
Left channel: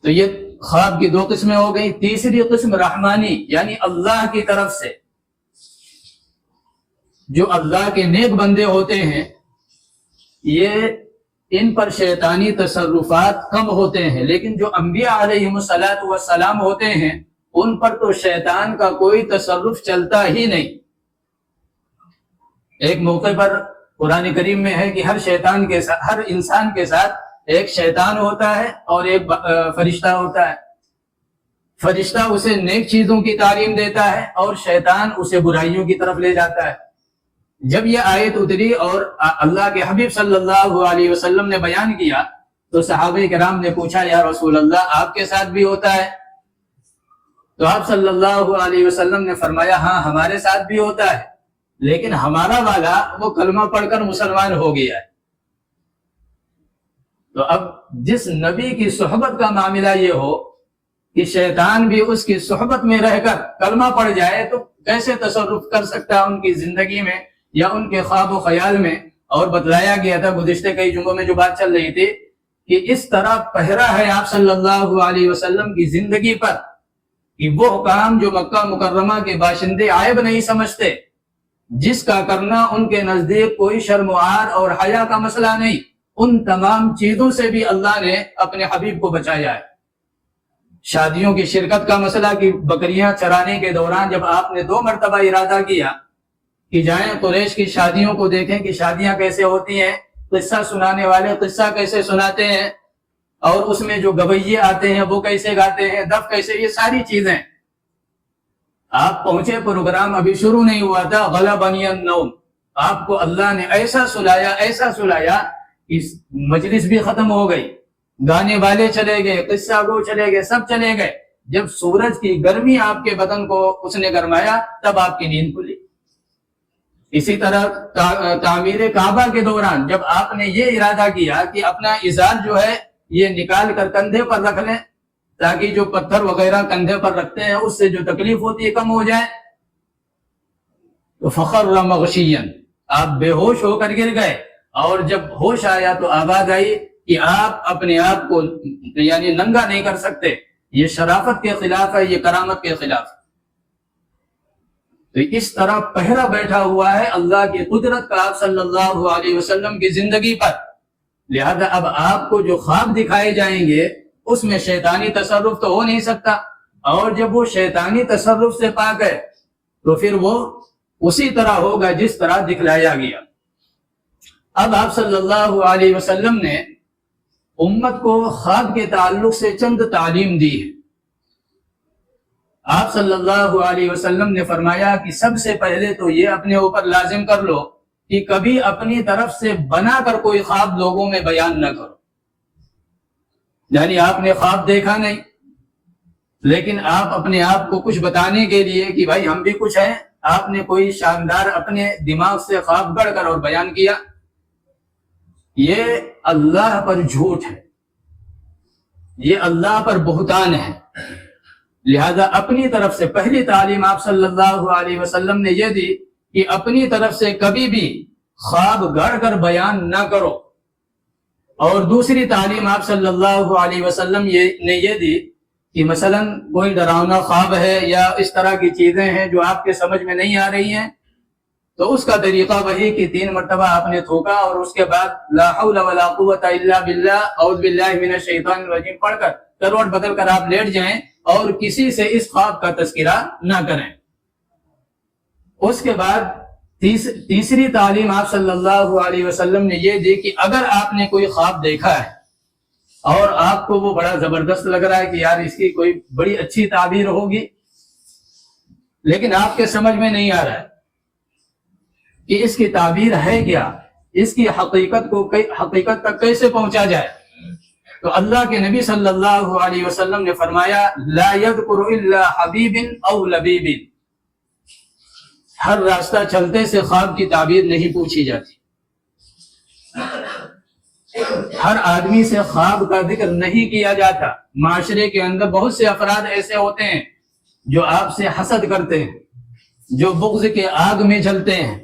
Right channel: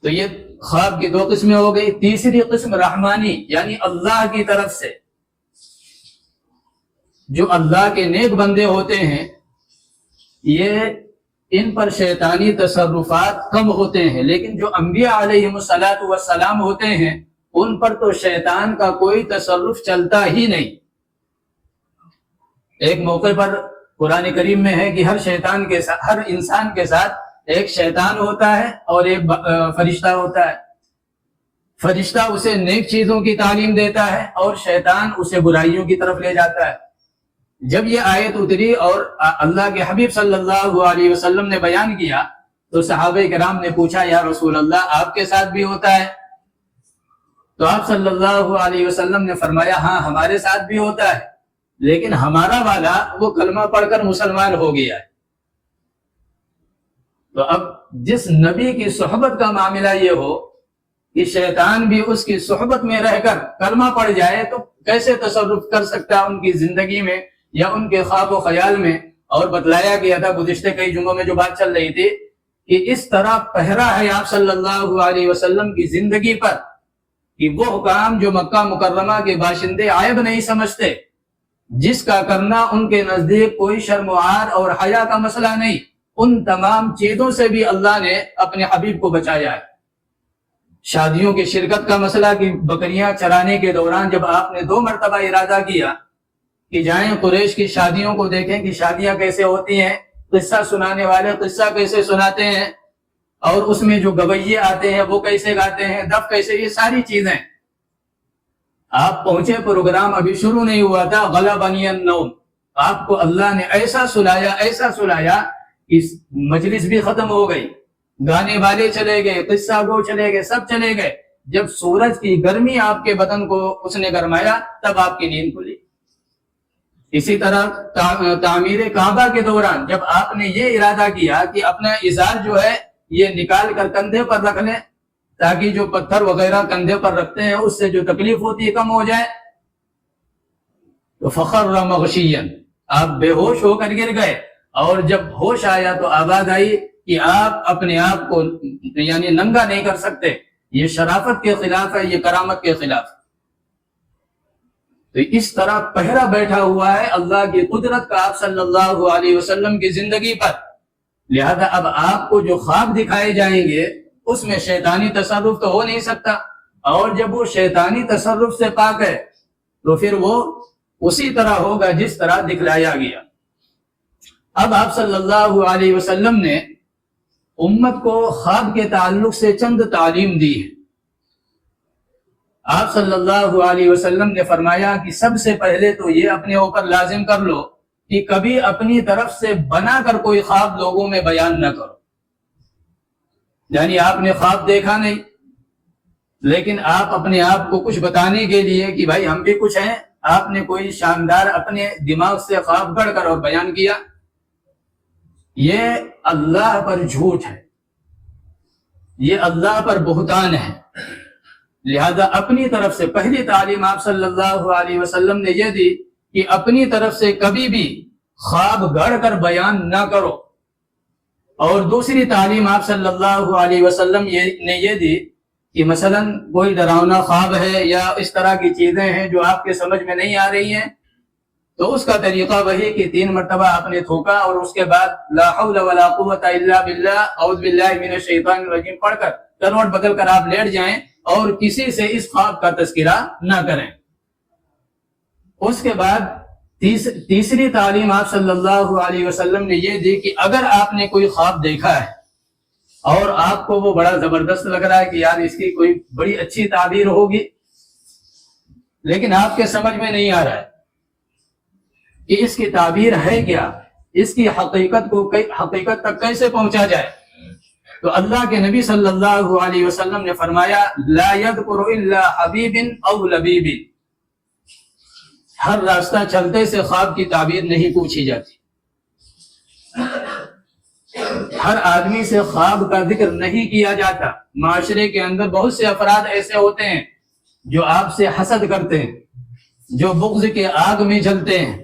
تو یہ خواب کی 2 قسمیں ہو گئی۔ تیسری قسم رحمانی، یعنی اللہ کی طرف سے، جو اللہ کے نیک بندے ہوتے ہیں یہ ان پر شیطانی تصرفات کم ہوتے ہیں، لیکن جو انبیاء علیہم السلام ہوتے ہیں ان پر تو شیطان کا کوئی تصرف چلتا ہی نہیں۔ ایک موقع پر قرآن کریم میں ہے کہ ہر انسان کے ساتھ ایک شیطان ہوتا ہے اور ایک فرشتہ ہوتا ہے۔ فرشتہ اسے نیک چیزوں کی تعلیم دیتا ہے اور شیطان اسے برائیوں کی طرف لے جاتا ہے۔ جب یہ آیت اتری اور اللہ کے حبیب صلی اللہ علیہ وسلم نے بیان کیا تو صحابہ کرام نے پوچھا یا رسول اللہ آپ کے ساتھ بھی ہوتا ہے؟ تو آپ صلی اللہ علیہ وسلم نے فرمایا ہاں ہمارے ساتھ بھی ہوتا ہے، لیکن ہمارا والا وہ کلمہ پڑھ کر مسلمان ہو گیا ہے۔ تو اب جس نبی کی صحبت کا معاملہ یہ ہو کہ شیطان بھی اس کی صحبت میں رہ کر کلمہ پڑھ جائے تو کیسے تصرف کر سکتا ہے ان کی زندگی میں یا ان کے خواب و خیال میں۔ اور بتلایا گیا تھا گزشتہ کئی جمعوں میں جو بات چل رہی تھی کہ اس طرح پہرا ہے آپ صلی اللہ علیہ وسلم کی زندگی پر کہ وہ کام جو مکہ مکرمہ کے باشندے عیب نہیں سمجھتے، جس کا کرنا ان کے نزدیک کوئی شرم و عار اور حیا کا مسئلہ نہیں، ان تمام چیزوں سے بھی اللہ نے اپنے حبیب کو بچایا ہے۔ شادیوں کی شرکت کا مسئلہ کہ بکریاں چرانے کے دوران جب آپ نے 2 مرتبہ ارادہ کیا کہ جائیں قریش کی شادیوں کو دیکھیں کہ شادیاں کیسے ہوتی ہیں، قصہ سنانے والے قصہ کیسے سناتے ہیں، اور اس میں جو گویے آتے ہیں وہ کیسے گاتے ہیں، دف کیسے، یہ ساری چیزیں آپ پہنچے، پروگرام ابھی شروع نہیں ہوا تھا، غلبنی النوم، آپ کو اللہ نے ایسا سلایا کہ مجلس بھی ختم ہو گئی، گانے والے چلے گئے، قصہ گو چلے گئے، سب چلے گئے۔ جب سورج کی گرمی آپ کے بدن کو اس نے گرمایا تب آپ کی نیند کھلی۔ اسی طرح تعمیر کعبہ کے دوران جب آپ نے یہ ارادہ کیا کہ اپنا ازار جو ہے یہ نکال کر کندھے پر رکھ لیں تاکہ جو پتھر وغیرہ کندھے پر رکھتے ہیں اس سے جو تکلیف ہوتی ہے کم ہو جائے۔ تو فخر مغشیا، آپ بے ہوش ہو کر گر گئے، اور جب ہوش آیا تو آواز آئی کہ آپ اپنے آپ کو یعنی ننگا نہیں کر سکتے، یہ شرافت کے خلاف ہے، یہ کرامت کے خلاف۔ تو اس طرح پہرا بیٹھا ہوا ہے اللہ کی قدرت کا آپ صلی اللہ علیہ وسلم کی زندگی پر۔ لہذا اب آپ کو جو خواب دکھائے جائیں گے اس میں شیطانی تصرف تو ہو نہیں سکتا، اور جب وہ شیطانی تصرف سے پاک ہے تو پھر وہ اسی طرح ہوگا جس طرح دکھلایا گیا۔ اب آپ صلی اللہ علیہ وسلم نے امت کو خواب کے تعلق سے چند تعلیم دی ہے۔ آپ صلی اللہ علیہ وسلم نے فرمایا کہ سب سے پہلے تو یہ اپنے اوپر لازم کر لو کہ کبھی اپنی طرف سے بنا کر کوئی خواب لوگوں میں بیان نہ کرو۔ یعنی آپ نے خواب دیکھا نہیں، لیکن آپ اپنے آپ کو کچھ بتانے کے لیے کہ بھائی ہم بھی کچھ ہیں، آپ نے کوئی شاندار اپنے دماغ سے خواب گڑھ کر اور بیان کیا، یہ اللہ پر جھوٹ ہے، یہ اللہ پر بہتان ہے۔ لہذا اپنی طرف سے پہلی تعلیم آپ صلی اللہ علیہ وسلم نے یہ دی کہ اپنی طرف سے کبھی بھی خواب گڑھ کر بیان نہ کرو۔ اور دوسری تعلیم آپ صلی اللہ علیہ وسلم نے یہ دی کہ مثلا کوئی ڈراؤنا خواب ہے یا اس طرح کی چیزیں ہیں جو آپ کے سمجھ میں نہیں آ رہی ہیں، تو اس کا طریقہ وہی کہ 3 مرتبہ آپ نے تھوکا اور اس کے بعد لا حول ولا قوت الا باللہ اعوذ باللہ من الشیطان الرجیم پڑھ کر کروٹ بدل کر آپ لیٹ جائیں اور کسی سے اس خواب کا تذکرہ نہ کریں۔ اس کے بعد تیسری تعلیم آپ صلی اللہ علیہ وسلم نے یہ دی کہ اگر آپ نے کوئی خواب دیکھا ہے اور آپ کو وہ بڑا زبردست لگ رہا ہے کہ یار اس کی کوئی بڑی اچھی تعبیر ہوگی، لیکن آپ کے سمجھ میں نہیں آ رہا ہے کہ اس کی تعبیر ہے کیا، اس کی حقیقت تک کیسے پہنچا جائے، تو اللہ کے نبی صلی اللہ علیہ وسلم نے فرمایا لا يذكر الا حبیب او لبیب، ہر راستہ چلتے سے خواب کی تعبیر نہیں پوچھی جاتی، ہر آدمی سے خواب کا ذکر نہیں کیا جاتا۔ معاشرے کے اندر بہت سے افراد ایسے ہوتے ہیں جو آپ سے حسد کرتے ہیں، جو بغض کے آگ میں جلتے ہیں۔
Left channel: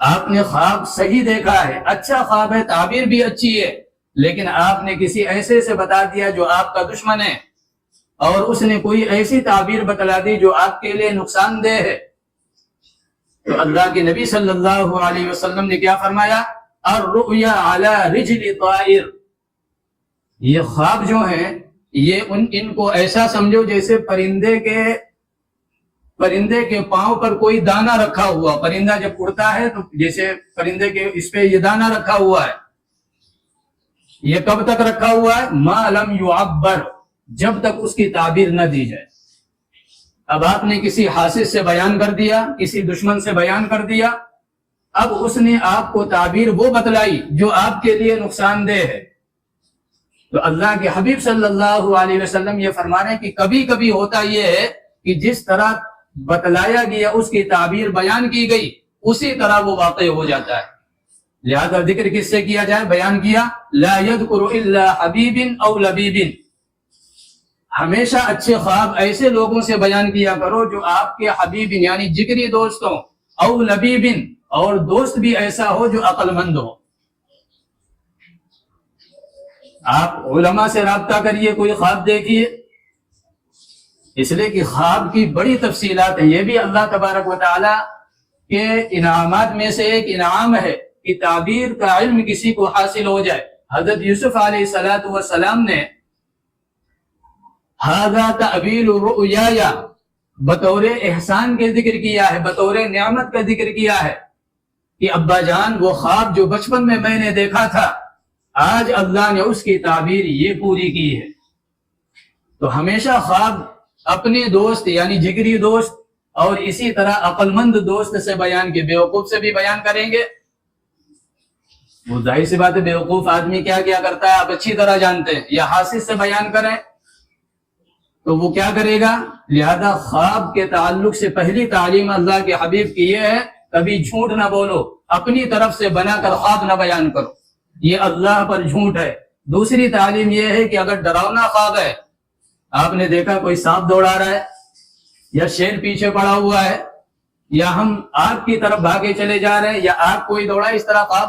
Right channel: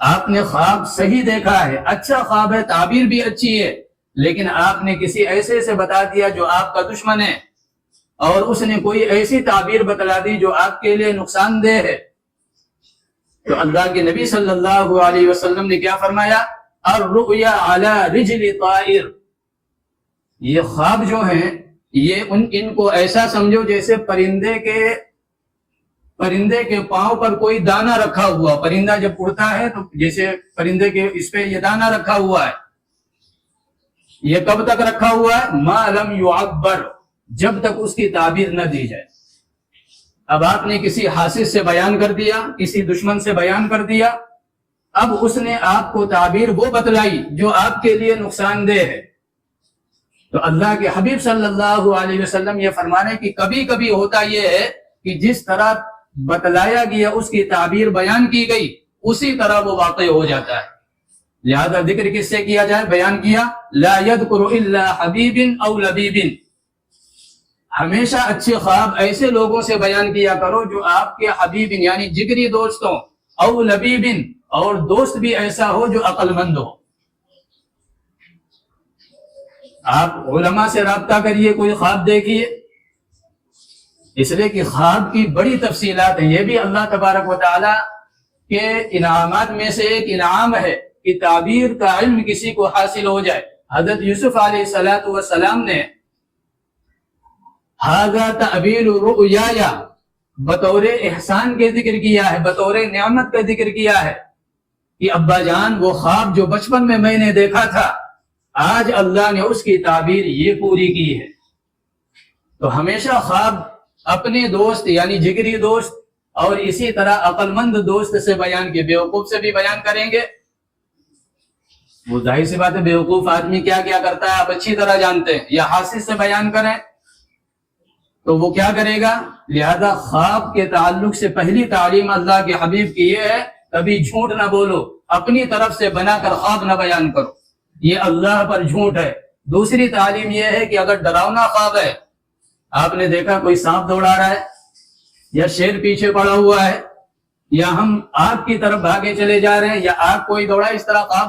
آپ نے خواب صحیح دیکھا ہے، اچھا خواب ہے، تعبیر بھی اچھی ہے، لیکن آپ نے کسی ایسے سے بتا دیا جو آپ کا دشمن ہے، اور اس نے کوئی ایسی تعبیر بتلا دی جو آپ کے لیے نقصان دہ ہے، تو اللہ کے نبی صلی اللہ علیہ وسلم نے کیا فرمایا؟ الرؤیا علی رجل طائر، یہ خواب جو ہیں یہ ان کو ایسا سمجھو جیسے پرندے کے پاؤں پر کوئی دانہ رکھا ہوا، پرندہ جب اڑتا ہے تو جیسے پرندے کے اس پہ یہ دانہ رکھا ہوا ہے، یہ کب تک رکھا ہوا ہے؟ ما لم يعبر، جب تک اس کی تعبیر نہ دی جائے۔ اب آپ نے کسی حاسد سے بیان کر دیا، کسی دشمن سے بیان کر دیا، اب اس نے آپ کو تعبیر وہ بتلائی جو آپ کے لیے نقصان دہ ہے، تو اللہ کے حبیب صلی اللہ علیہ وسلم یہ فرمانے کہ کبھی کبھی ہوتا یہ ہے کہ جس طرح بتلایا گیا اس کی تعبیر بیان کی گئی اسی طرح وہ واقع ہو جاتا ہے۔ لہذا ذکر کس سے کیا جائے؟ بیان کیا لا يذكر الا حبیب او لبیب، ہمیشہ اچھے خواب ایسے لوگوں سے بیان کیا کرو جو آپ کے حبیب یعنی جگری دوست ہوں، او لبیب، اور دوست بھی ایسا ہو جو عقل مند ہو۔ آپ علماء سے رابطہ کریے، کوئی خواب دیکھیے، اس لیے کہ خواب کی بڑی تفصیلات ہیں، یہ بھی اللہ تبارک و تعالی کے انعامات میں سے ایک انعام ہے کہ تعبیر کا علم کسی کو حاصل ہو جائے۔ حضرت یوسف علیہ السلام نے ھذا تعبیر رؤیایا بطور احسان کے ذکر کیا ہے، بطور نعمت کا ذکر کیا ہے کہ ابا جان وہ خواب جو بچپن میں نے دیکھا تھا آج اللہ نے اس کی تعبیر یہ پوری کی ہے۔ تو ہمیشہ خواب اپنے دوست یعنی جگری دوست اور اسی طرح عقل مند دوست سے بیان کے، بیوقوف سے بھی بیان کریں گے، وہ ظاہر سی بات ہے بیوقوف آدمی کیا کیا کرتا ہے آپ اچھی طرح جانتے ہیں، یا حاسد سے بیان کریں تو وہ کیا کرے گا؟ لہذا خواب کے تعلق سے پہلی تعلیم اللہ کے حبیب کی یہ ہے کبھی جھوٹ نہ بولو، اپنی طرف سے بنا کر خواب نہ بیان کرو، یہ اللہ پر جھوٹ ہے۔ دوسری تعلیم یہ ہے کہ اگر ڈراؤنا خواب ہے، آپ نے دیکھا کوئی سانپ دوڑا رہا ہے یا شیر پیچھے پڑا ہوا ہے یا ہم آگ کی طرف بھاگے چلے جا رہے ہیں یا آگ کوئی دوڑا، اس طرح خواب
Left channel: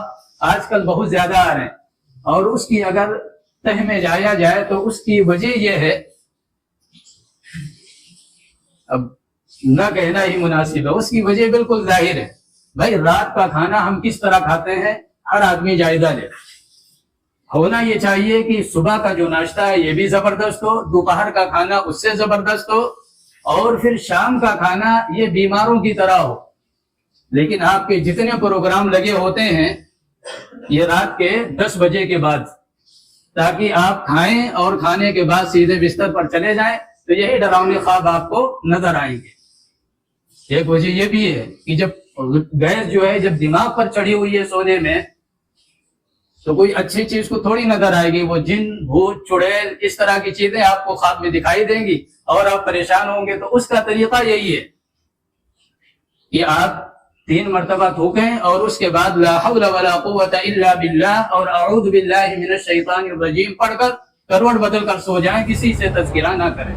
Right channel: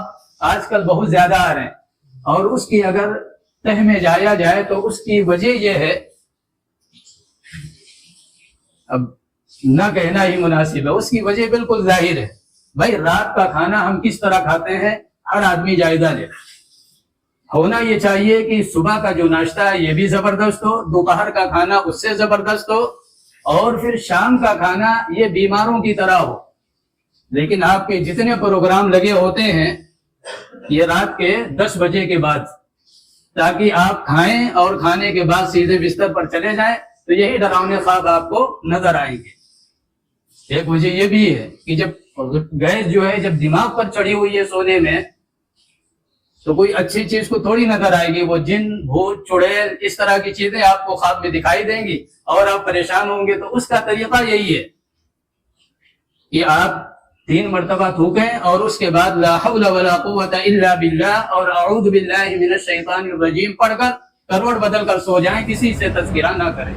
آج کل بہت زیادہ آ رہے ہیں، اور اس کی اگر تہ میں جایا جائے تو اس کی وجہ یہ ہے، اب نہ کہنا ہی مناسب ہے، اس کی وجہ بالکل ظاہر ہے۔ بھائی رات کا کھانا ہم کس طرح کھاتے ہیں، ہر آدمی جائزہ لے۔ ہونا یہ چاہیے کہ صبح کا جو ناشتہ ہے یہ بھی زبردست ہو، دوپہر کا کھانا اس سے زبردست ہو، اور پھر شام کا کھانا یہ بیماروں کی طرح ہو۔ لیکن آپ کے جتنے پروگرام لگے ہوتے ہیں یہ رات کے 10 بجے کے بعد، تاکہ آپ کھائیں اور کھانے کے بعد سیدھے بستر پر چلے جائیں، تو یہی ڈراؤنے خواب آپ کو نظر آئیں گے۔ ایک وجہ یہ بھی ہے کہ جب گیس جو ہے جب دماغ پر چڑھی ہوئی ہے سونے میں، تو کوئی اچھی چیز کو تھوڑی نظر آئے گی، وہ جن بھوت چڑیل اس طرح کی چیزیں آپ کو خواب میں دکھائی دیں گی اور آپ پریشان ہوں گے۔ تو اس کا طریقہ یہی ہے کہ آپ 3 مرتبہ تھوکیں اور اس کے بعد لا حول ولا قوت الا باللہ اور اعوذ باللہ من الشیطان الرجیم پڑھ کر کروڑ بدل کر سو جائیں، کسی سے تذکرہ نہ کریں۔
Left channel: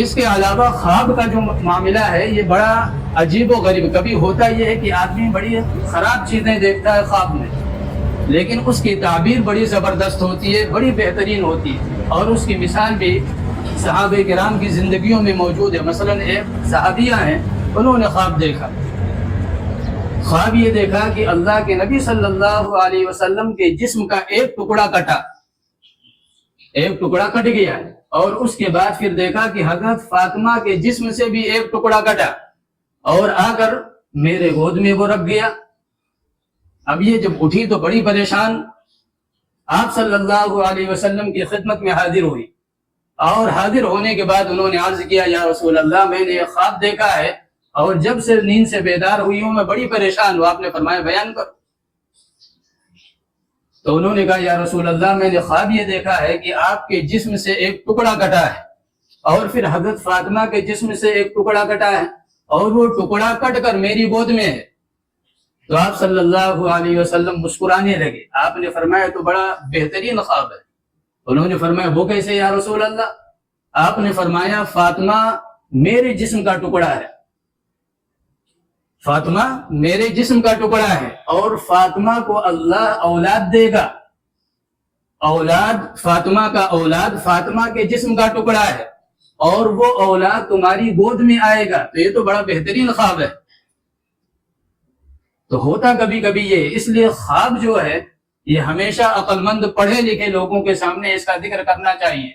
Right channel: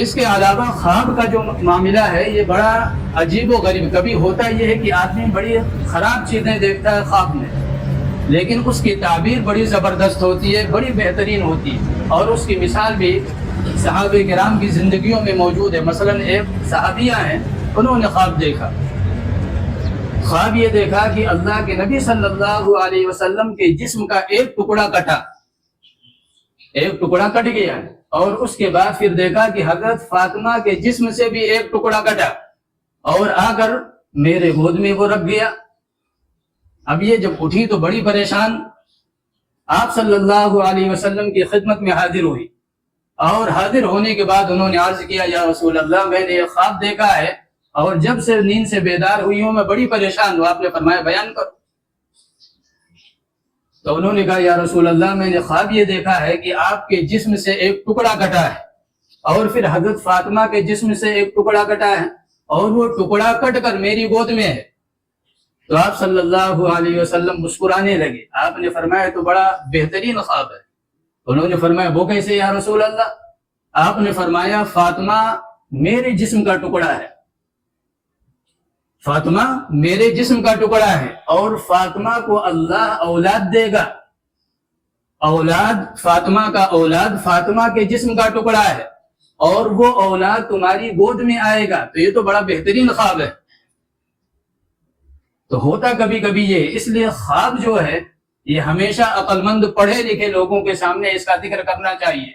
اس کے علاوہ خواب کا جو معاملہ ہے یہ بڑا عجیب و غریب، کبھی ہوتا یہ ہے کہ آدمی بڑی خراب چیزیں دیکھتا ہے خواب میں، لیکن اس کی تعبیر بڑی زبردست ہوتی ہے، بڑی بہترین ہوتی ہے، اور اس کی مثال بھی صحابہ کرام کی زندگیوں میں موجود ہے۔ مثلا ایک صحابیہ ہیں، انہوں نے خواب دیکھا، خواب یہ دیکھا کہ اللہ کے نبی صلی اللہ علیہ وسلم کے جسم کا ایک ٹکڑا کٹ گیا، اور اس کے بعد پھر دیکھا کہ حضرت فاطمہ کے جسم سے بھی ایک ٹکڑا کٹا اور آ کر میرے گود میں وہ رکھ گیا۔ اب یہ جب اٹھی تو بڑی پریشان، آپ صلی اللہ علیہ وسلم کی خدمت میں حاضر ہوئی، اور حاضر ہونے کے بعد انہوں نے عرض کیا یا رسول اللہ میں نے ایک خواب دیکھا ہے اور جب سے نیند سے بیدار ہوئی ہوں میں بڑی پریشان ہوں۔ آپ نے فرمایا بیان کرو۔ تو انہوں نے کہا یا رسول اللہ میں نے خواب یہ دیکھا ہے کہ آپ کے جسم سے ایک ٹکڑا کٹا ہے اور پھر حضرت فاطمہ کے جسم سے ایک ٹکڑا کٹا ہے اور وہ ٹکڑا کٹ کر میری گود میں ہے۔ تو آپ صلی اللہ علیہ وسلم مسکرانے لگے۔ آپ نے فرمایا تو بڑا بہترین خواب ہے۔ انہوں نے فرمایا وہ کیسے یا رسول اللہ؟ آپ نے فرمایا فاطمہ میرے جسم کا ٹکڑا ہے، فاطمہ میرے جسم کا ٹکڑا ہے، اور فاطمہ کو اللہ اولاد دے گا، فاطمہ کا اولاد فاطمہ کے جسم کا ٹکڑا ہے، اور وہ اولاد تمہاری گود میں آئے گا۔ تو یہ تو بڑا بہترین خواب ہے۔ تو ہوتا کبھی کبھی یہ، اس لیے خواب جو ہے یہ ہمیشہ عقل مند پڑھے لکھے لوگوں کے سامنے اس کا ذکر کرنا چاہیے۔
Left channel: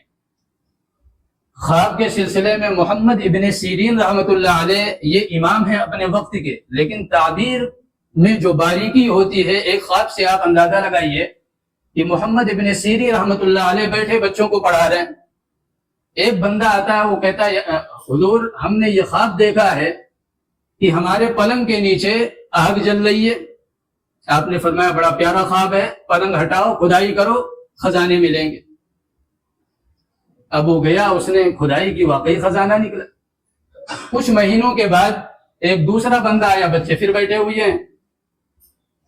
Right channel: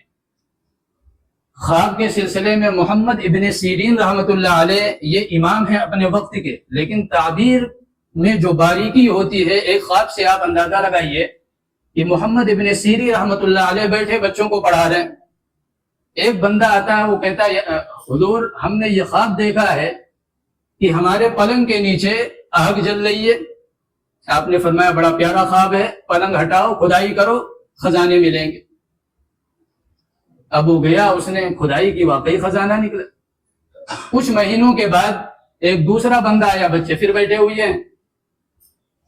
خواب کے سلسلے میں محمد ابن سیرین رحمۃ اللہ علیہ یہ امام ہیں اپنے وقت کے، لیکن تعبیر میں جو باریکی ہوتی ہے، ایک خواب سے آپ اندازہ لگائیے کہ محمد ابن سیرین رحمۃ اللہ علیہ بیٹھے بچوں کو پڑھا رہے ہیں، ایک بندہ آتا ہے، وہ کہتا ہے حضور ہم نے یہ خواب دیکھا ہے کہ ہمارے پلنگ کے نیچے آگ جل رہی ہے۔ آپ نے فرمایا بڑا پیارا خواب ہے، پلنگ ہٹاؤ، کھدائی کرو، خزانے ملیں گے۔ اب وہ گیا، اس نے کھدائی کی، واقعی خزانہ نکلا۔ کچھ مہینوں کے بعد ایک دوسرا بندہ آیا، بچے پھر بیٹھے ہوئے ہیں،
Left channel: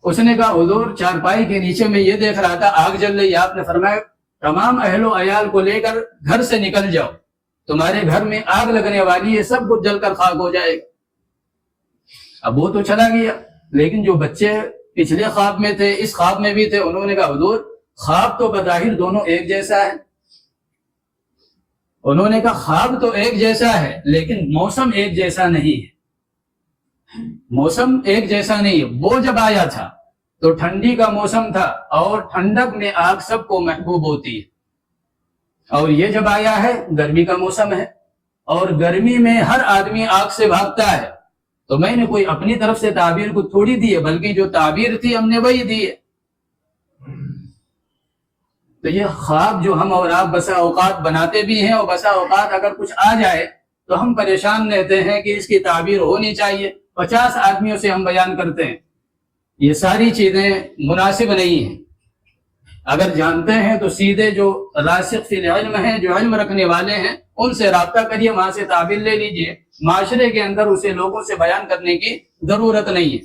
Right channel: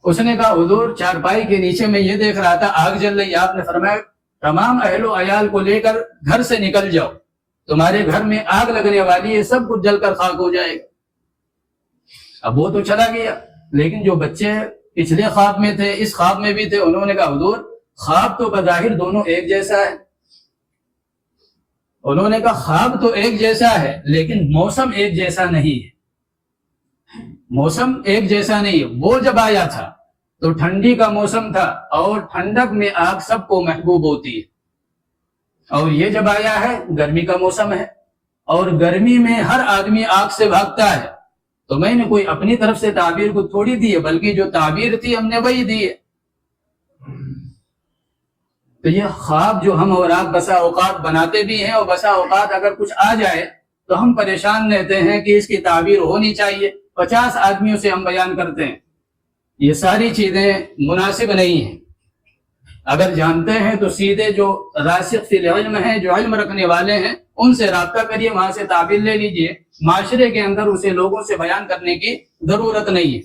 اس نے کہا حضور چارپائی کے نیچے میں یہ دیکھ رہا تھا آگ جل رہی۔ آپ نے فرمایا تمام اہل و عیال کو لے کر گھر سے نکل جاؤ، تمہارے گھر میں آگ لگنے والی ہے، سب کچھ جل کر خاک ہو جائے گا۔ اب وہ تو چلا گیا، لیکن جو بچے پچھلے خواب میں تھے اس خواب میں بھی تھے، انہوں نے کہا حضور خواب تو بظاہر دونوں ایک جیسا ہے۔ انہوں نے کہا خواب تو ایک جیسا ہے لیکن موسم ایک جیسا نہیں ہے، موسم ایک جیسا نہیں ہے۔ وہ جب آیا تھا تو ٹھنڈی کا موسم تھا اور ٹھنڈک میں آگ سب کو محبوب ہوتی ہے، اور یہ جب آیا ہے گرمی کا موسم ہے اور گرمی میں ہر آدمی آگ سے بھاگتا ہے۔ تو میں نے کوئی اپنی طرف سے تعبیر کو تھوڑی دی ہے، بلکہ جو تعبیر تھی ہم نے وہی دی ہے۔ تو یہ خواب جو ہم اور آپ بسا اوقات بناتے بھی ہیں، اور بسا اوقات اگر کچھ آ جائے تو ہم پریشان رہتے ہیں کہ اس کی تعبیر ہونی چاہیے، 50 آدمیوں سے ہم بیان کرتے ہیں۔ یہ ساری چیزیں مناسب نہیں ہیں۔ اگر جانتے ہیں تو سیدھے جو راسخ فی العلم ہیں، جو علم رکھنے والے ہیں، ان سے رابطہ کریے، وہاں سے تعبیر لے لیجئے۔ معاشرے کے اندر اسے لوگوں سے بیان کرنے کی ضرورت نہیں ہے۔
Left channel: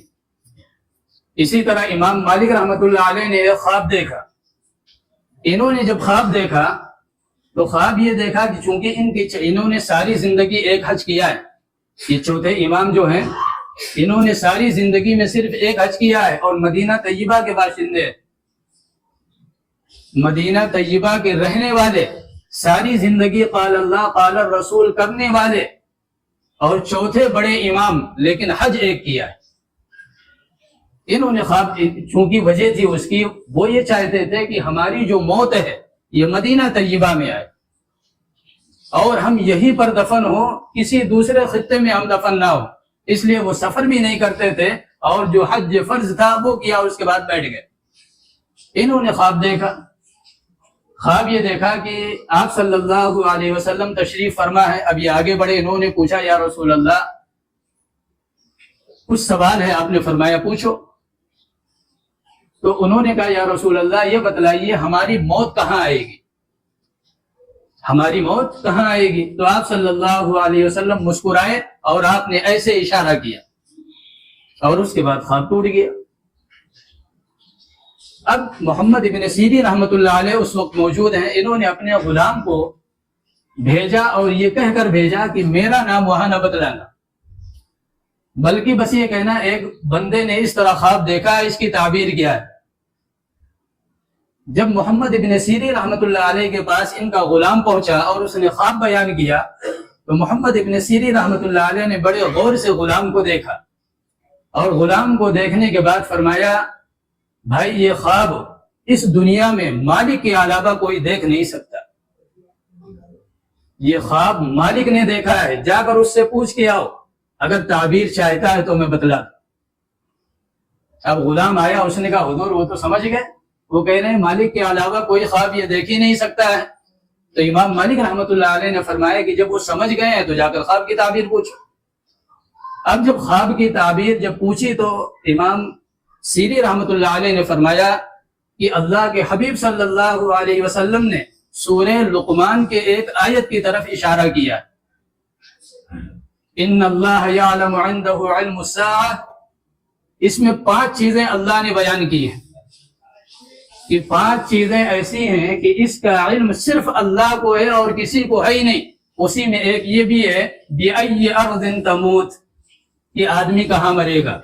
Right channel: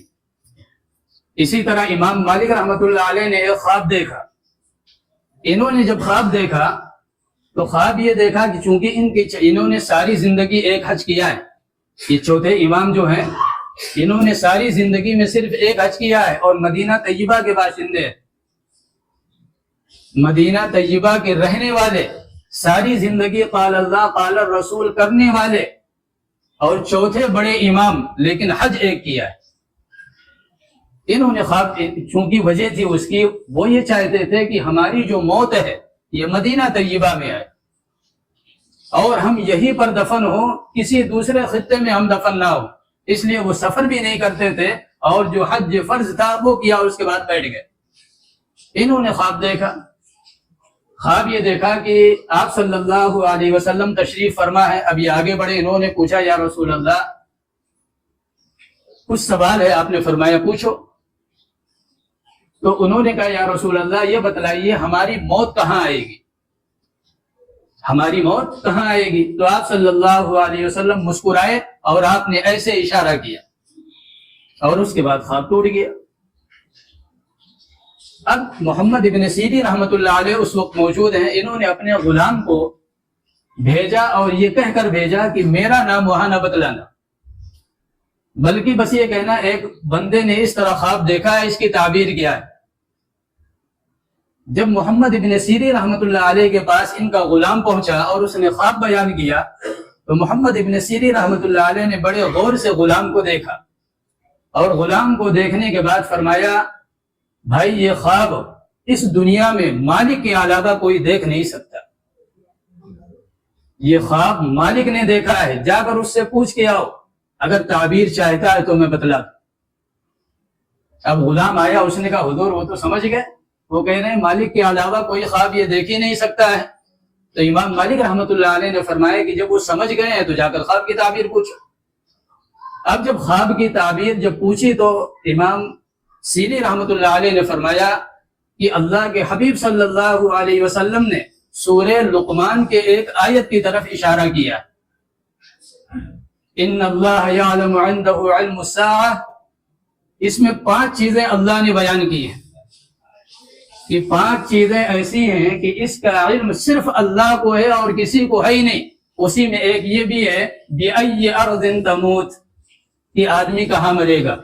اسی طرح امام مالک رحمۃ اللہ علیہ نے ایک خواب دیکھا انہوں نے جب خواب دیکھا تو خواب یہ دیکھا کہ چونکہ انہوں نے ساری زندگی ایک حج کیا ہے، یہ چوتھے امام جو ہیں انہوں نے ساری زندگی میں صرف ایک حج کیا ہے اور مدینہ طیبہ کے باشندے ہیں، مدینہ طیبہ کے رہنے والے، ساری زندگی قال اللہ قال الرسول کرنے والے، اور چوتھے بڑے امام، لیکن حج ایک کیا ہے۔ انہوں نے خواب، چونکہ وجہ تھی اس کی، وہ یہ چاہتے تھے کہ ہماری جو موت ہے یہ مدینہ طیبہ میں آئے اور ہم یہیں پر دفن ہوں، کسی دوسرے خطے میں ہم دفن نہ ہوں، اس لیے وہ سفر بھی نہیں کرتے تھے اور جو حج فرض تھا وہ کیا، اس کے بعد بیٹھ گئے۔ انہوں نے خواب دیکھا، خواب یہ دیکھا کہ آپ صلی اللہ علیہ وسلم تشریف فرما ہے۔ اب یہ آگے بڑھے، انہوں نے پوچھا یا رسول اللہ کچھ سوال ہے، آپ نے فرمایا پوچھو۔ تو انہوں نے کہا یا رسول اللہ یہ بتلائیے ہماری موت کہاں آئے گی، ہماری موت کہاں آئے گی؟ تو آپ صلی اللہ علیہ وسلم مسکرائے اور آپ نے ایسے اشارہ کیا اور اس کے بعد خواب ٹوٹ گیا۔ اب محمد ابن سیرین رحمۃ اللہ علیہ اس وقت موجود ہیں، انہوں نے اپنے غلام کو بھیجا اور یہ کہہ کر بھیجا کہ میرا نام وہاں نہ بتلانا، بلکہ بس یہ کہنا ایک بندے نے اس طرح خواب دیکھا ہے، اس کی تعبیر کیا ہے۔ جب محمد ابن سیرین رحمۃ اللہ علیہ کے پاس ان کا غلام پہنچا اور اس نے خواب بیان کیا تو محمد ابن سیرین رحمۃ اللہ علیہ نے بڑے غور سے غلام کو دیکھا اور غلام کو دیکھنے کے بعد فرمایا بھائی یہ خواب اس دنیا میں مالک کے علاوہ کوئی دیکھ نہیں سکتا، یہ خواب مالک نے دیکھا ہے، جا کر اس سے پوچھ کے آؤ، اگر تعبیر چاہتا ہے تو میں بتلا دوں۔ اب غلام آیا، اس نے کہا حضور وہ تو سمجھ گئے، وہ کہہ رہے ہیں مالک کے علاوہ کوئی خواب یہ دیکھ ہی نہیں سکتا ہے۔ تو امام مالک رحمۃ اللہ علیہ نے فرمایا کہ جب وہ سمجھ گئے ہیں تو جا کر خواب کی تعبیر پوچھو۔ اب جب خواب کی تعبیر جب پوچھی تو امام سیری رحمۃ اللہ علیہ نے فرمایا کہ اللہ کے حبیب صلی اللہ علیہ وسلم نے سورہ لقمان کے ایک آیت کی طرف اشارہ کیا، ان اللہ یعلم عنده علم الساعہ، اس میں 5 چیزیں اللہ نے بیان کی ہیں کہ 5 چیزیں ایسی ہیں کہ اس کا علم صرف اللہ کو ہے اور کسی کو ہے ہی نہیں۔ اسی میں ایک یہ بھی ہے بِأَيِّ أَرْضٍ تَمُوتُ، کہ آدمی کہاں مرے گا۔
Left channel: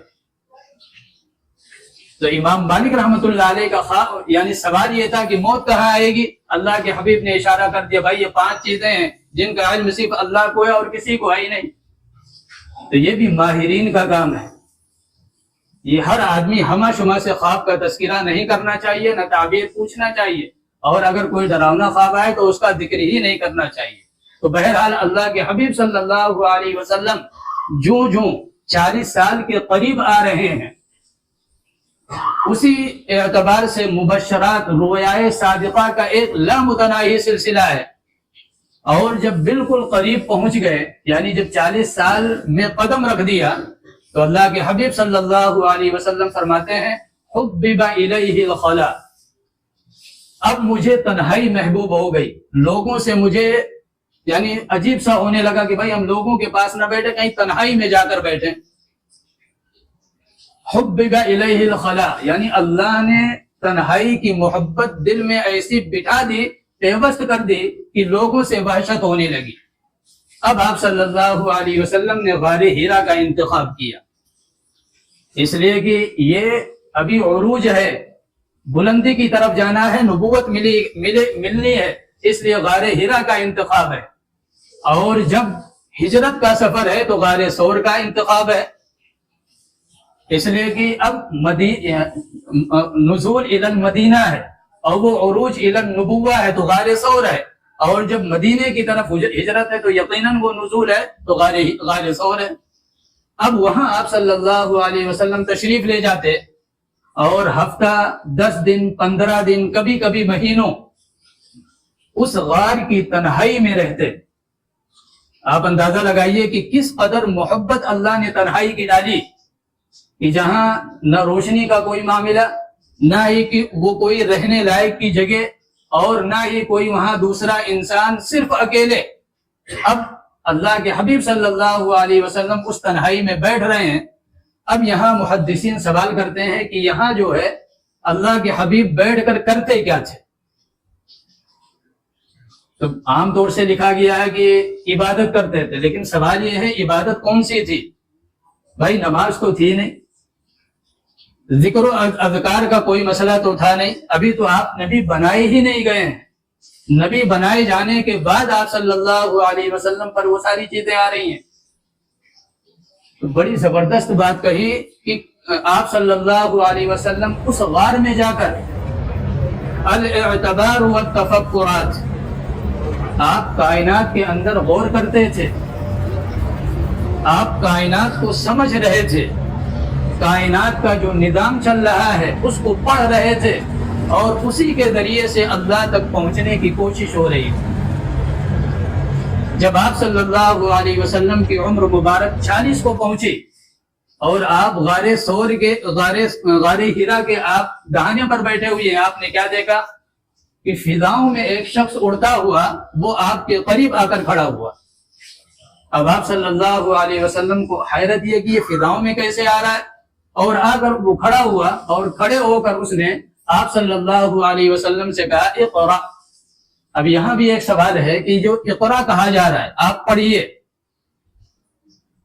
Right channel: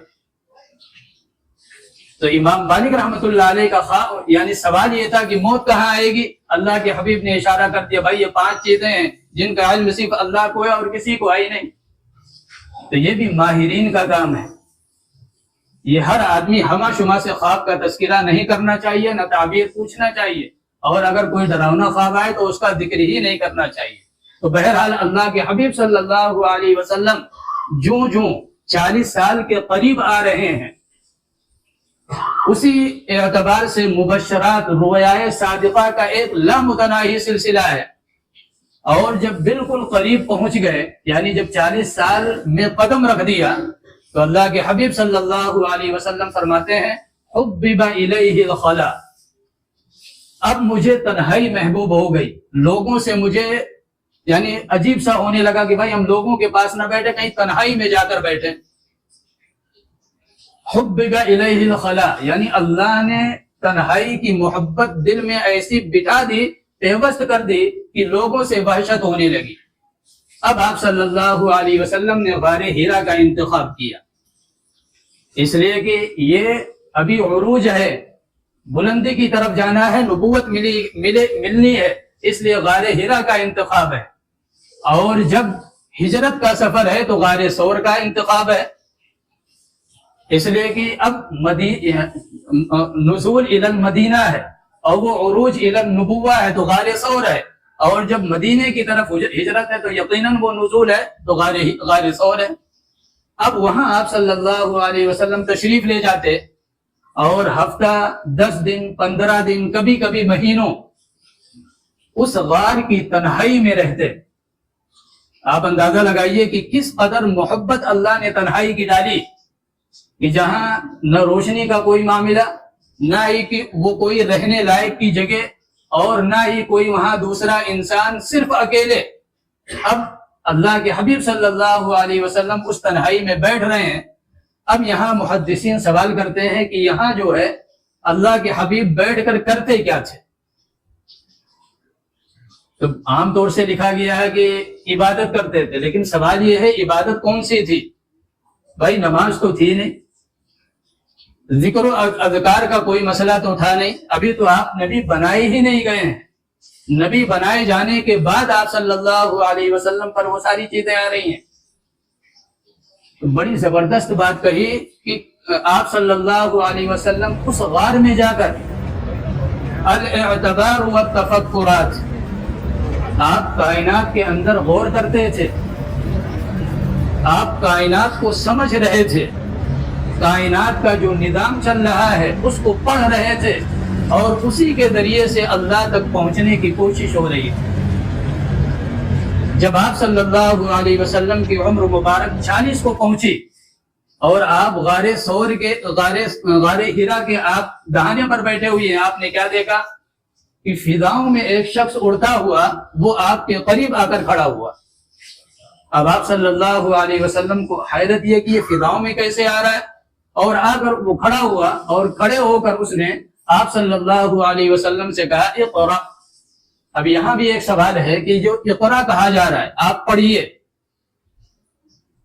تو امام مالک رحمۃ اللہ علیہ کا خواب یعنی سوال یہ تھا کہ موت کہاں آئے گی، اللہ کے حبیب نے اشارہ کر دیا بھائی یہ 5 چیزیں ہیں جن کا علم صرف اللہ کو ہے اور کسی کو ہے ہی نہیں۔ تو یہ بھی ماہرین کا کام ہے، یہ ہر آدمی ہمہ شمہ سے خواب کا تذکرہ نہیں کرنا چاہیے، نہ تعبیر پوچھنا چاہیے، اور اگر کوئی ڈراؤنا خواب آئے تو اس کا ذکر ہی نہیں کرنا چاہیے۔ تو بہرحال اللہ کے حبیب صلی اللہ علیہ وسلم جو 40 سال کے قریب آ رہے ہیں، اسی اعتبار سے مبشرات رویائے صادقہ کا ایک لامتناہی سلسلہ ہے، اور جب بالکل قریب پہنچ گئے یعنی جب 40 سال میں قدم رکھ دیا تو اللہ کے حبیب صلی اللہ علیہ وسلم فرماتے ہیں حبب الیہ الخلا، اب مجھے تنہائی محبوب ہو گئی، لوگوں سے مجھے یعنی عجیب سا ہونے لگا کہ بھائی ہم لوگوں کے پاس نہ بیٹھے، کہیں تنہائی میں جا کر بیٹھے۔ حبب الیہ الخلا یعنی اللہ نے تنہائی کی محبت دل میں ایسی بٹھا دی، پیوست کر دی کہ لوگوں سے وحشت ہونے لگی۔ اب آپ صلی اللہ علیہ وسلم نے غار ہیرا کا انتخاب کیا، اس لیے کہ یہ ابھی عروج ہے، بلندی کی طرف جانا ہے، نبوت ملنی ہے، اس لیے غار ہیرا کا انتخاب ہے۔ اور جب ہجرت کا سفر ہے تو غار ثور کا انتخاب ہے، اس لیے کہ اب نزول الی المدینہ ہے اور وہ عروج الی النبوہ ہے تو غار ثور ہے، اور جب مدینے کی طرف ہجرت ہے تو یقیناً وہ نزول ہے تو غار ثور ہے۔ اب وہاں آپ صلی اللہ علیہ وسلم تشریف لے جاتے اور ہفتہ 10 دن 15 دن کبھی کبھی مہینوں اس غار کی تنہائی میں رہتے۔ آپ اندازہ لگائیے کہ کس قدر محبت اللہ نے تنہائی کی ڈالی کہ جہاں نہ روشنی کا کوئی معاملہ، نہ ہی کہ وہ کوئی رہنے لائق کی جگہ، اور نہ ہی کوئی وہاں دوسرا انسان، صرف اکیلے۔ اب اللہ کے حبیب صلی اللہ علیہ وسلم اس تنہائی میں بیٹھ رہے ہیں۔ اب یہاں محدثین سوال کرتے ہیں کہ یہاں جو ہے اللہ کے حبیب بیٹھ کر کرتے کیا تھے؟ تو عام طور سے لکھا گیا ہے کہ عبادت کرتے تھے، لیکن سوال یہ ہے عبادت کون سی تھی؟ بھائی نماز تو تھی نہیں، ذکر و اذکار کا کوئی مسئلہ تو تھا نہیں، ابھی تو آپ نبی بنائے ہی نہیں گئے ہیں، نبی بنائے جانے کے بعد آپ صلی اللہ علیہ وسلم پر وہ ساری چیزیں آ رہی ہیں۔ بڑی زبردست بات کہی کہ آپ صلی اللہ علیہ وسلم اس غار میں جا کر الاعتبار والتفکرات، آپ کائنات کے اندر غور کرتے تھے، آپ کائنات کو سمجھ رہے تھے، کائنات کا جو نظام چل رہا ہے اس کو پڑھ رہے تھے، اور اسی کے ذریعے سے اللہ تک پہنچنے کی کوشش ہو رہی تھی۔ جب آپ صلی اللہ علیہ وسلم کی عمر مبارک 40 کو پہنچی اور آپ غار ثور کے غار ہرا کے آپ دہانے پر بیٹھے ہوئے ہیں، آپ نے کیا دیکھا کہ فضاؤں میں ایک شخص اڑتا ہوا وہ آپ کے قریب آ کر کھڑا ہوا۔ اب آپ صلی اللہ علیہ وسلم کو حیرت یہ کہ یہ فضاؤں میں کیسے آ رہا ہے، اور آ کر وہ کھڑا ہوا اور کھڑے ہو کر اس نے آپ صلی اللہ علیہ وسلم سے کہا اقرا۔ اب یہاں بھی ایک سوال ہے کہ جو اقرا کہا جا رہا ہے آپ پڑھیے،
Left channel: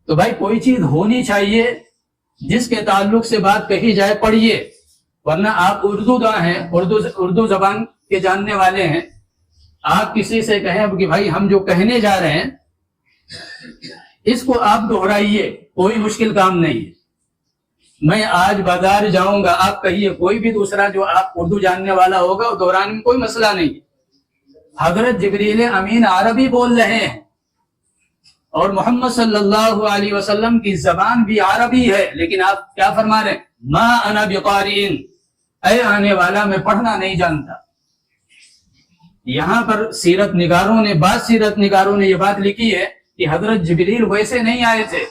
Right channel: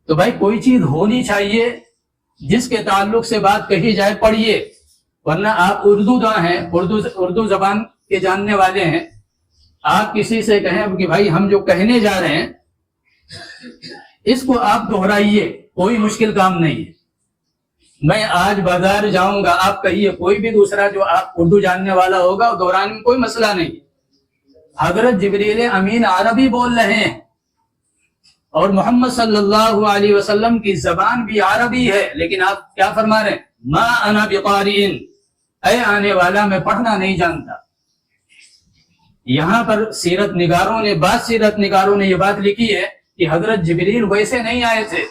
تو بھائی کوئی چیز ہونی چاہیے جس کے تعلق سے بات کہی جائے پڑھیے، ورنہ آپ اردو داں ہیں، اردو زبان کے جاننے والے ہیں، آپ کسی سے کہیں اب کہ بھائی ہم جو کہنے جا رہے ہیں اس کو آپ دہرائیے، کوئی مشکل کام نہیں ہے۔ میں آج بازار جاؤں گا، آپ کہیے، کوئی بھی دوسرا جو آپ اردو جاننے والا ہوگا وہ دہرانے میں کوئی مسئلہ نہیں۔ حضرت جبریل امین عربی بول رہے ہیں اور محمد صلی اللہ علیہ وسلم کی زبان بھی عربی ہے، لیکن آپ کیا فرما رہے ہیں؟ ما انا بقارئ، اے آنے والا میں پڑھنا نہیں جانتا۔ یہاں پر سیرت نگاروں نے یہ بات لکھی ہے کہ حضرت جبریل ویسے نہیں آئے تھے،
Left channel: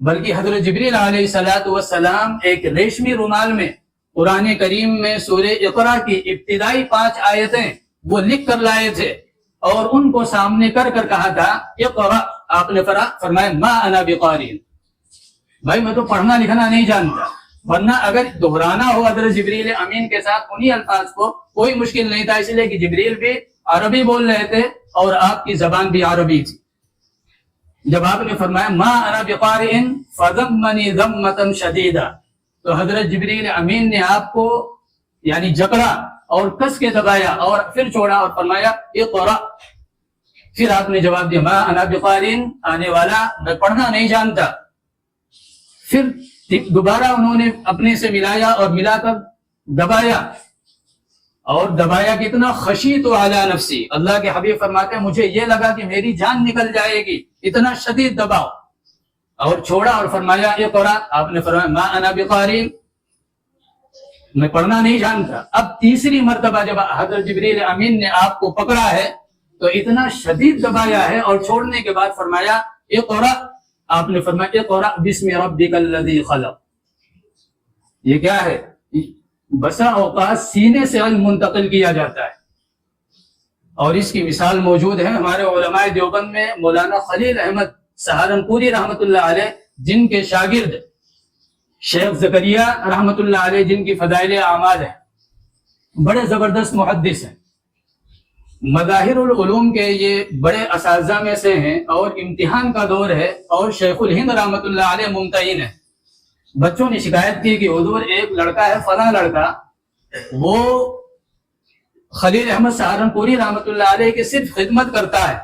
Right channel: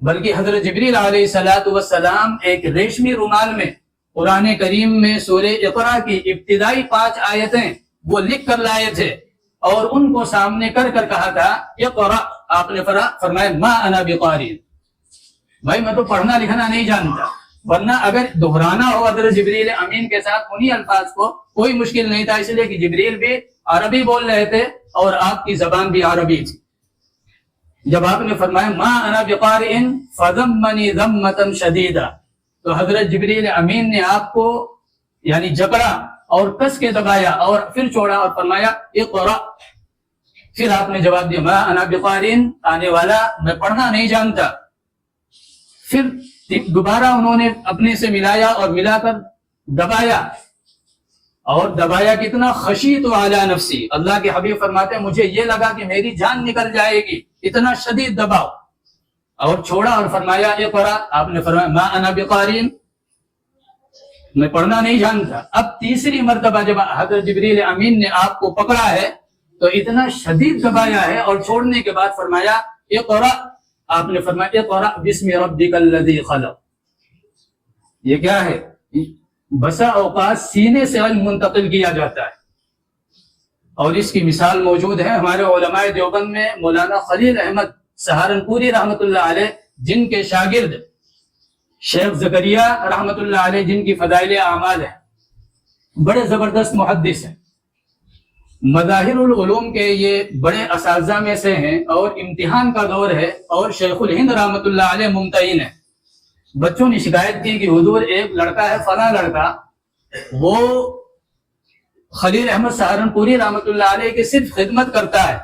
بلکہ حضرت جبریل علیہ السلام ایک ریشمی رومال میں قرآن کریم میں سورہ اقرا کی ابتدائی 5 آیتیں وہ لکھ کر لائے تھے، اور ان کو سامنے کر کہا تھا اقرا، آپ نے فرمایا ما انا بقارئ، بھائی میں تو پڑھنا لکھنا نہیں جانتا، ورنہ اگر دہرانا ہو حضرت جبریل امین کے ساتھ انہی الفاظ کو کوئی مشکل نہیں تھا، اس لیے کہ جبریل بھی عربی بول رہے تھے اور آپ کی زبان بھی عربی تھی۔ جب آپ نے فرمایا ما انا بقارئ فضمنی ضمۃ شدیدہ، تو حضرت جبریل امین نے آپ کو یعنی جکڑا اور کس کے دبایا اور پھر چھوڑا اور فرمایا اقرا۔ پھر آپ نے جواب دیا ما انا بقارئ، آنے والا میں پڑھنا نہیں جانتا۔ پھر دوبارہ انہوں نے اپنے سے ملایا اور ملا کر دبایا، اور دبایا کتنا؟ خشیت علی نفسی، اللہ کے حبیب فرماتے ہیں مجھے یہ لگا کہ میری جان نکل جائے گی، اتنا شدید دباؤ، اور چھوڑا اور فرمایا اقرا۔ آپ نے فرمایا ما انا بقارئ، میں پڑھنا نہیں جانتا۔ اب تیسری مرتبہ جب حضرت جبریل امین نے آپ کو پکڑا ہے تو اتنا شدید دبایا ہے اور چھوڑنے کے بعد فرمایا اقرا۔ آپ نے فرمایا اقرا بسم ربک الذی خلق۔ یہ کیا ہے؟ بسا اوقات سینے سے علم منتقل کیا جاتا ہے، اور اس کی مثال موجود ہے ہمارے علماء دیوبند میں مولانا خلیل احمد سہارنپوری رحمۃ اللہ علیہ، جن کے شاگرد شیخ زکریا رحمۃ اللہ علیہ، جن کی فضائل اعمال ہیں، بڑے زبردست محدث ہیں، مظاہر العلوم کے یہ بڑے اساتذہ میں سے ہیں، اور امتحان کا دور ہے اور شیخ الہند رحمۃ اللہ علیہ ممتحن ہے۔ بچوں نے شکایت کی کہ حضور ایک لڑکا ہے فلاں لڑکا، وہ خلیل احمد سہارنپوری رحمۃ اللہ علیہ کی صرف خدمت کرتا ہے،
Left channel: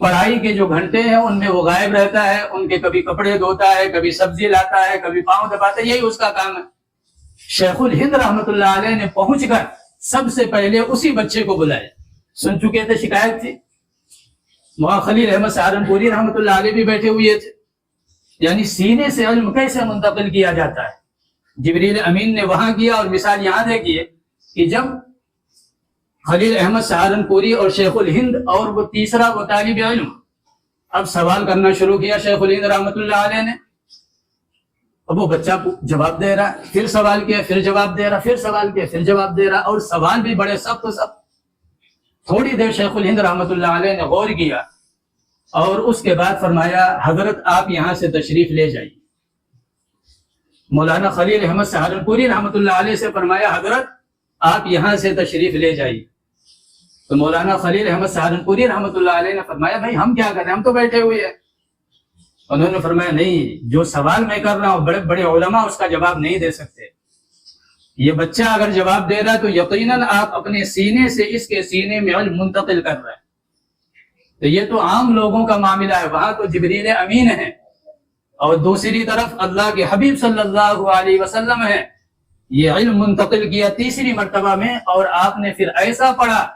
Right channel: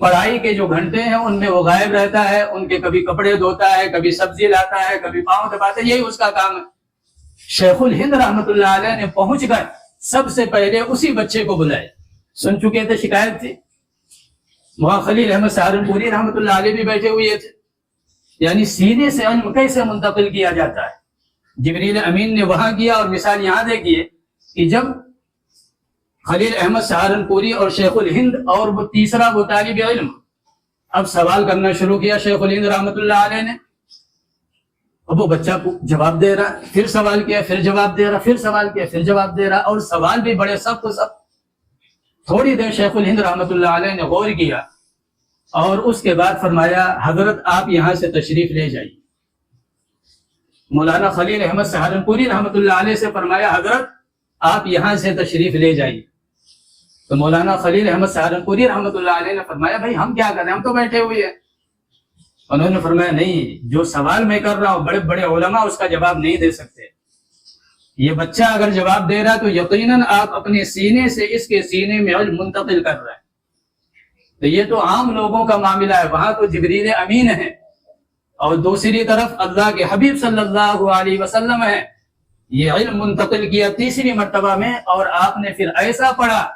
پڑھائی کے جو گھنٹے ہیں ان میں وہ غائب رہتا ہے، ان کے کبھی کپڑے دھوتا ہے، کبھی سبزی لاتا ہے، کبھی پاؤں دباتا ہے، یہی اس کا کام ہے۔ شیخ الہند رحمۃ اللہ علیہ نے پہنچ کر سب سے پہلے اسی بچے کو بلائے، سن چکے تھے شکایت تھی، وہاں خلیل احمد سہارنپوری رحمۃ اللہ علیہ بھی بیٹھے ہوئے تھے۔ یعنی سینے سے علم کیسے منتقل کیا جاتا ہے، جبریل امین نے وہاں کیا، اور مثال یہاں دیکھیے کہ جب خلیل احمد سہارنپوری اور شیخ الہند اور وہ تیسرا وہ طالب علم اب سوال کرنا شروع کیا شیخ الہند رحمۃ اللہ علیہ نے، اب وہ بچہ جواب دے رہا، پھر سوال کیا، پھر جواب دے رہا، پھر سوال کیا، پھر جواب دے رہا، اور سوال بھی بڑے سخت سخت۔ تھوڑی دیر شیخ الہند رحمۃ اللہ علیہ نے غور کیا، اور اس کے بعد فرمایا حضرت آپ یہاں سے تشریف لے جائیے۔ مولانا خلیل احمد سہارنپوری رحمۃ اللہ علیہ سے فرمایا حضرت آپ یہاں سے تشریف لے جائیے۔ تو مولانا خلیل احمد سہارنپوری رحمۃ اللہ علیہ نے فرمایا بھائی ہم کیا کریں، ہم تو بیٹھے ہوئے ہیں۔ انہوں نے فرمایا نہیں، جو سوال میں کر رہا ہوں بڑے بڑے علماء اس کا جواب نہیں دے سکتے، یہ بچہ اگر جواب دے رہا ہے تو یقیناً آپ اپنے سینے سے اس کے سینے میں علم منتقل کر رہے ہیں۔ تو یہ تو عام لوگوں کا معاملہ ہے، وہاں تو جبریل امین ہے اور دوسری طرف اللہ کے حبیب صلی اللہ علیہ وسلم ہے، یہ علم منتقل کیا تیسری مرتبہ میں، اور آپ نے پھر ایسا پڑھا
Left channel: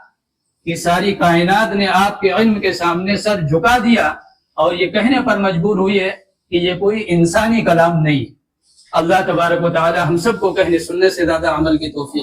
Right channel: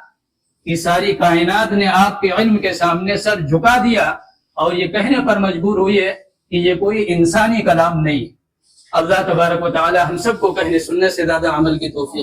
کہ ساری کائنات نے آپ کے علم کے سامنے سر جھکا دیا اور یہ کہنے پر مجبور ہوئی ہے کہ یہ کوئی انسانی کلام نہیں۔ اللہ تبارک و تعالی ہم سب کو کہنے سننے سے زیادہ عمل کی توفیق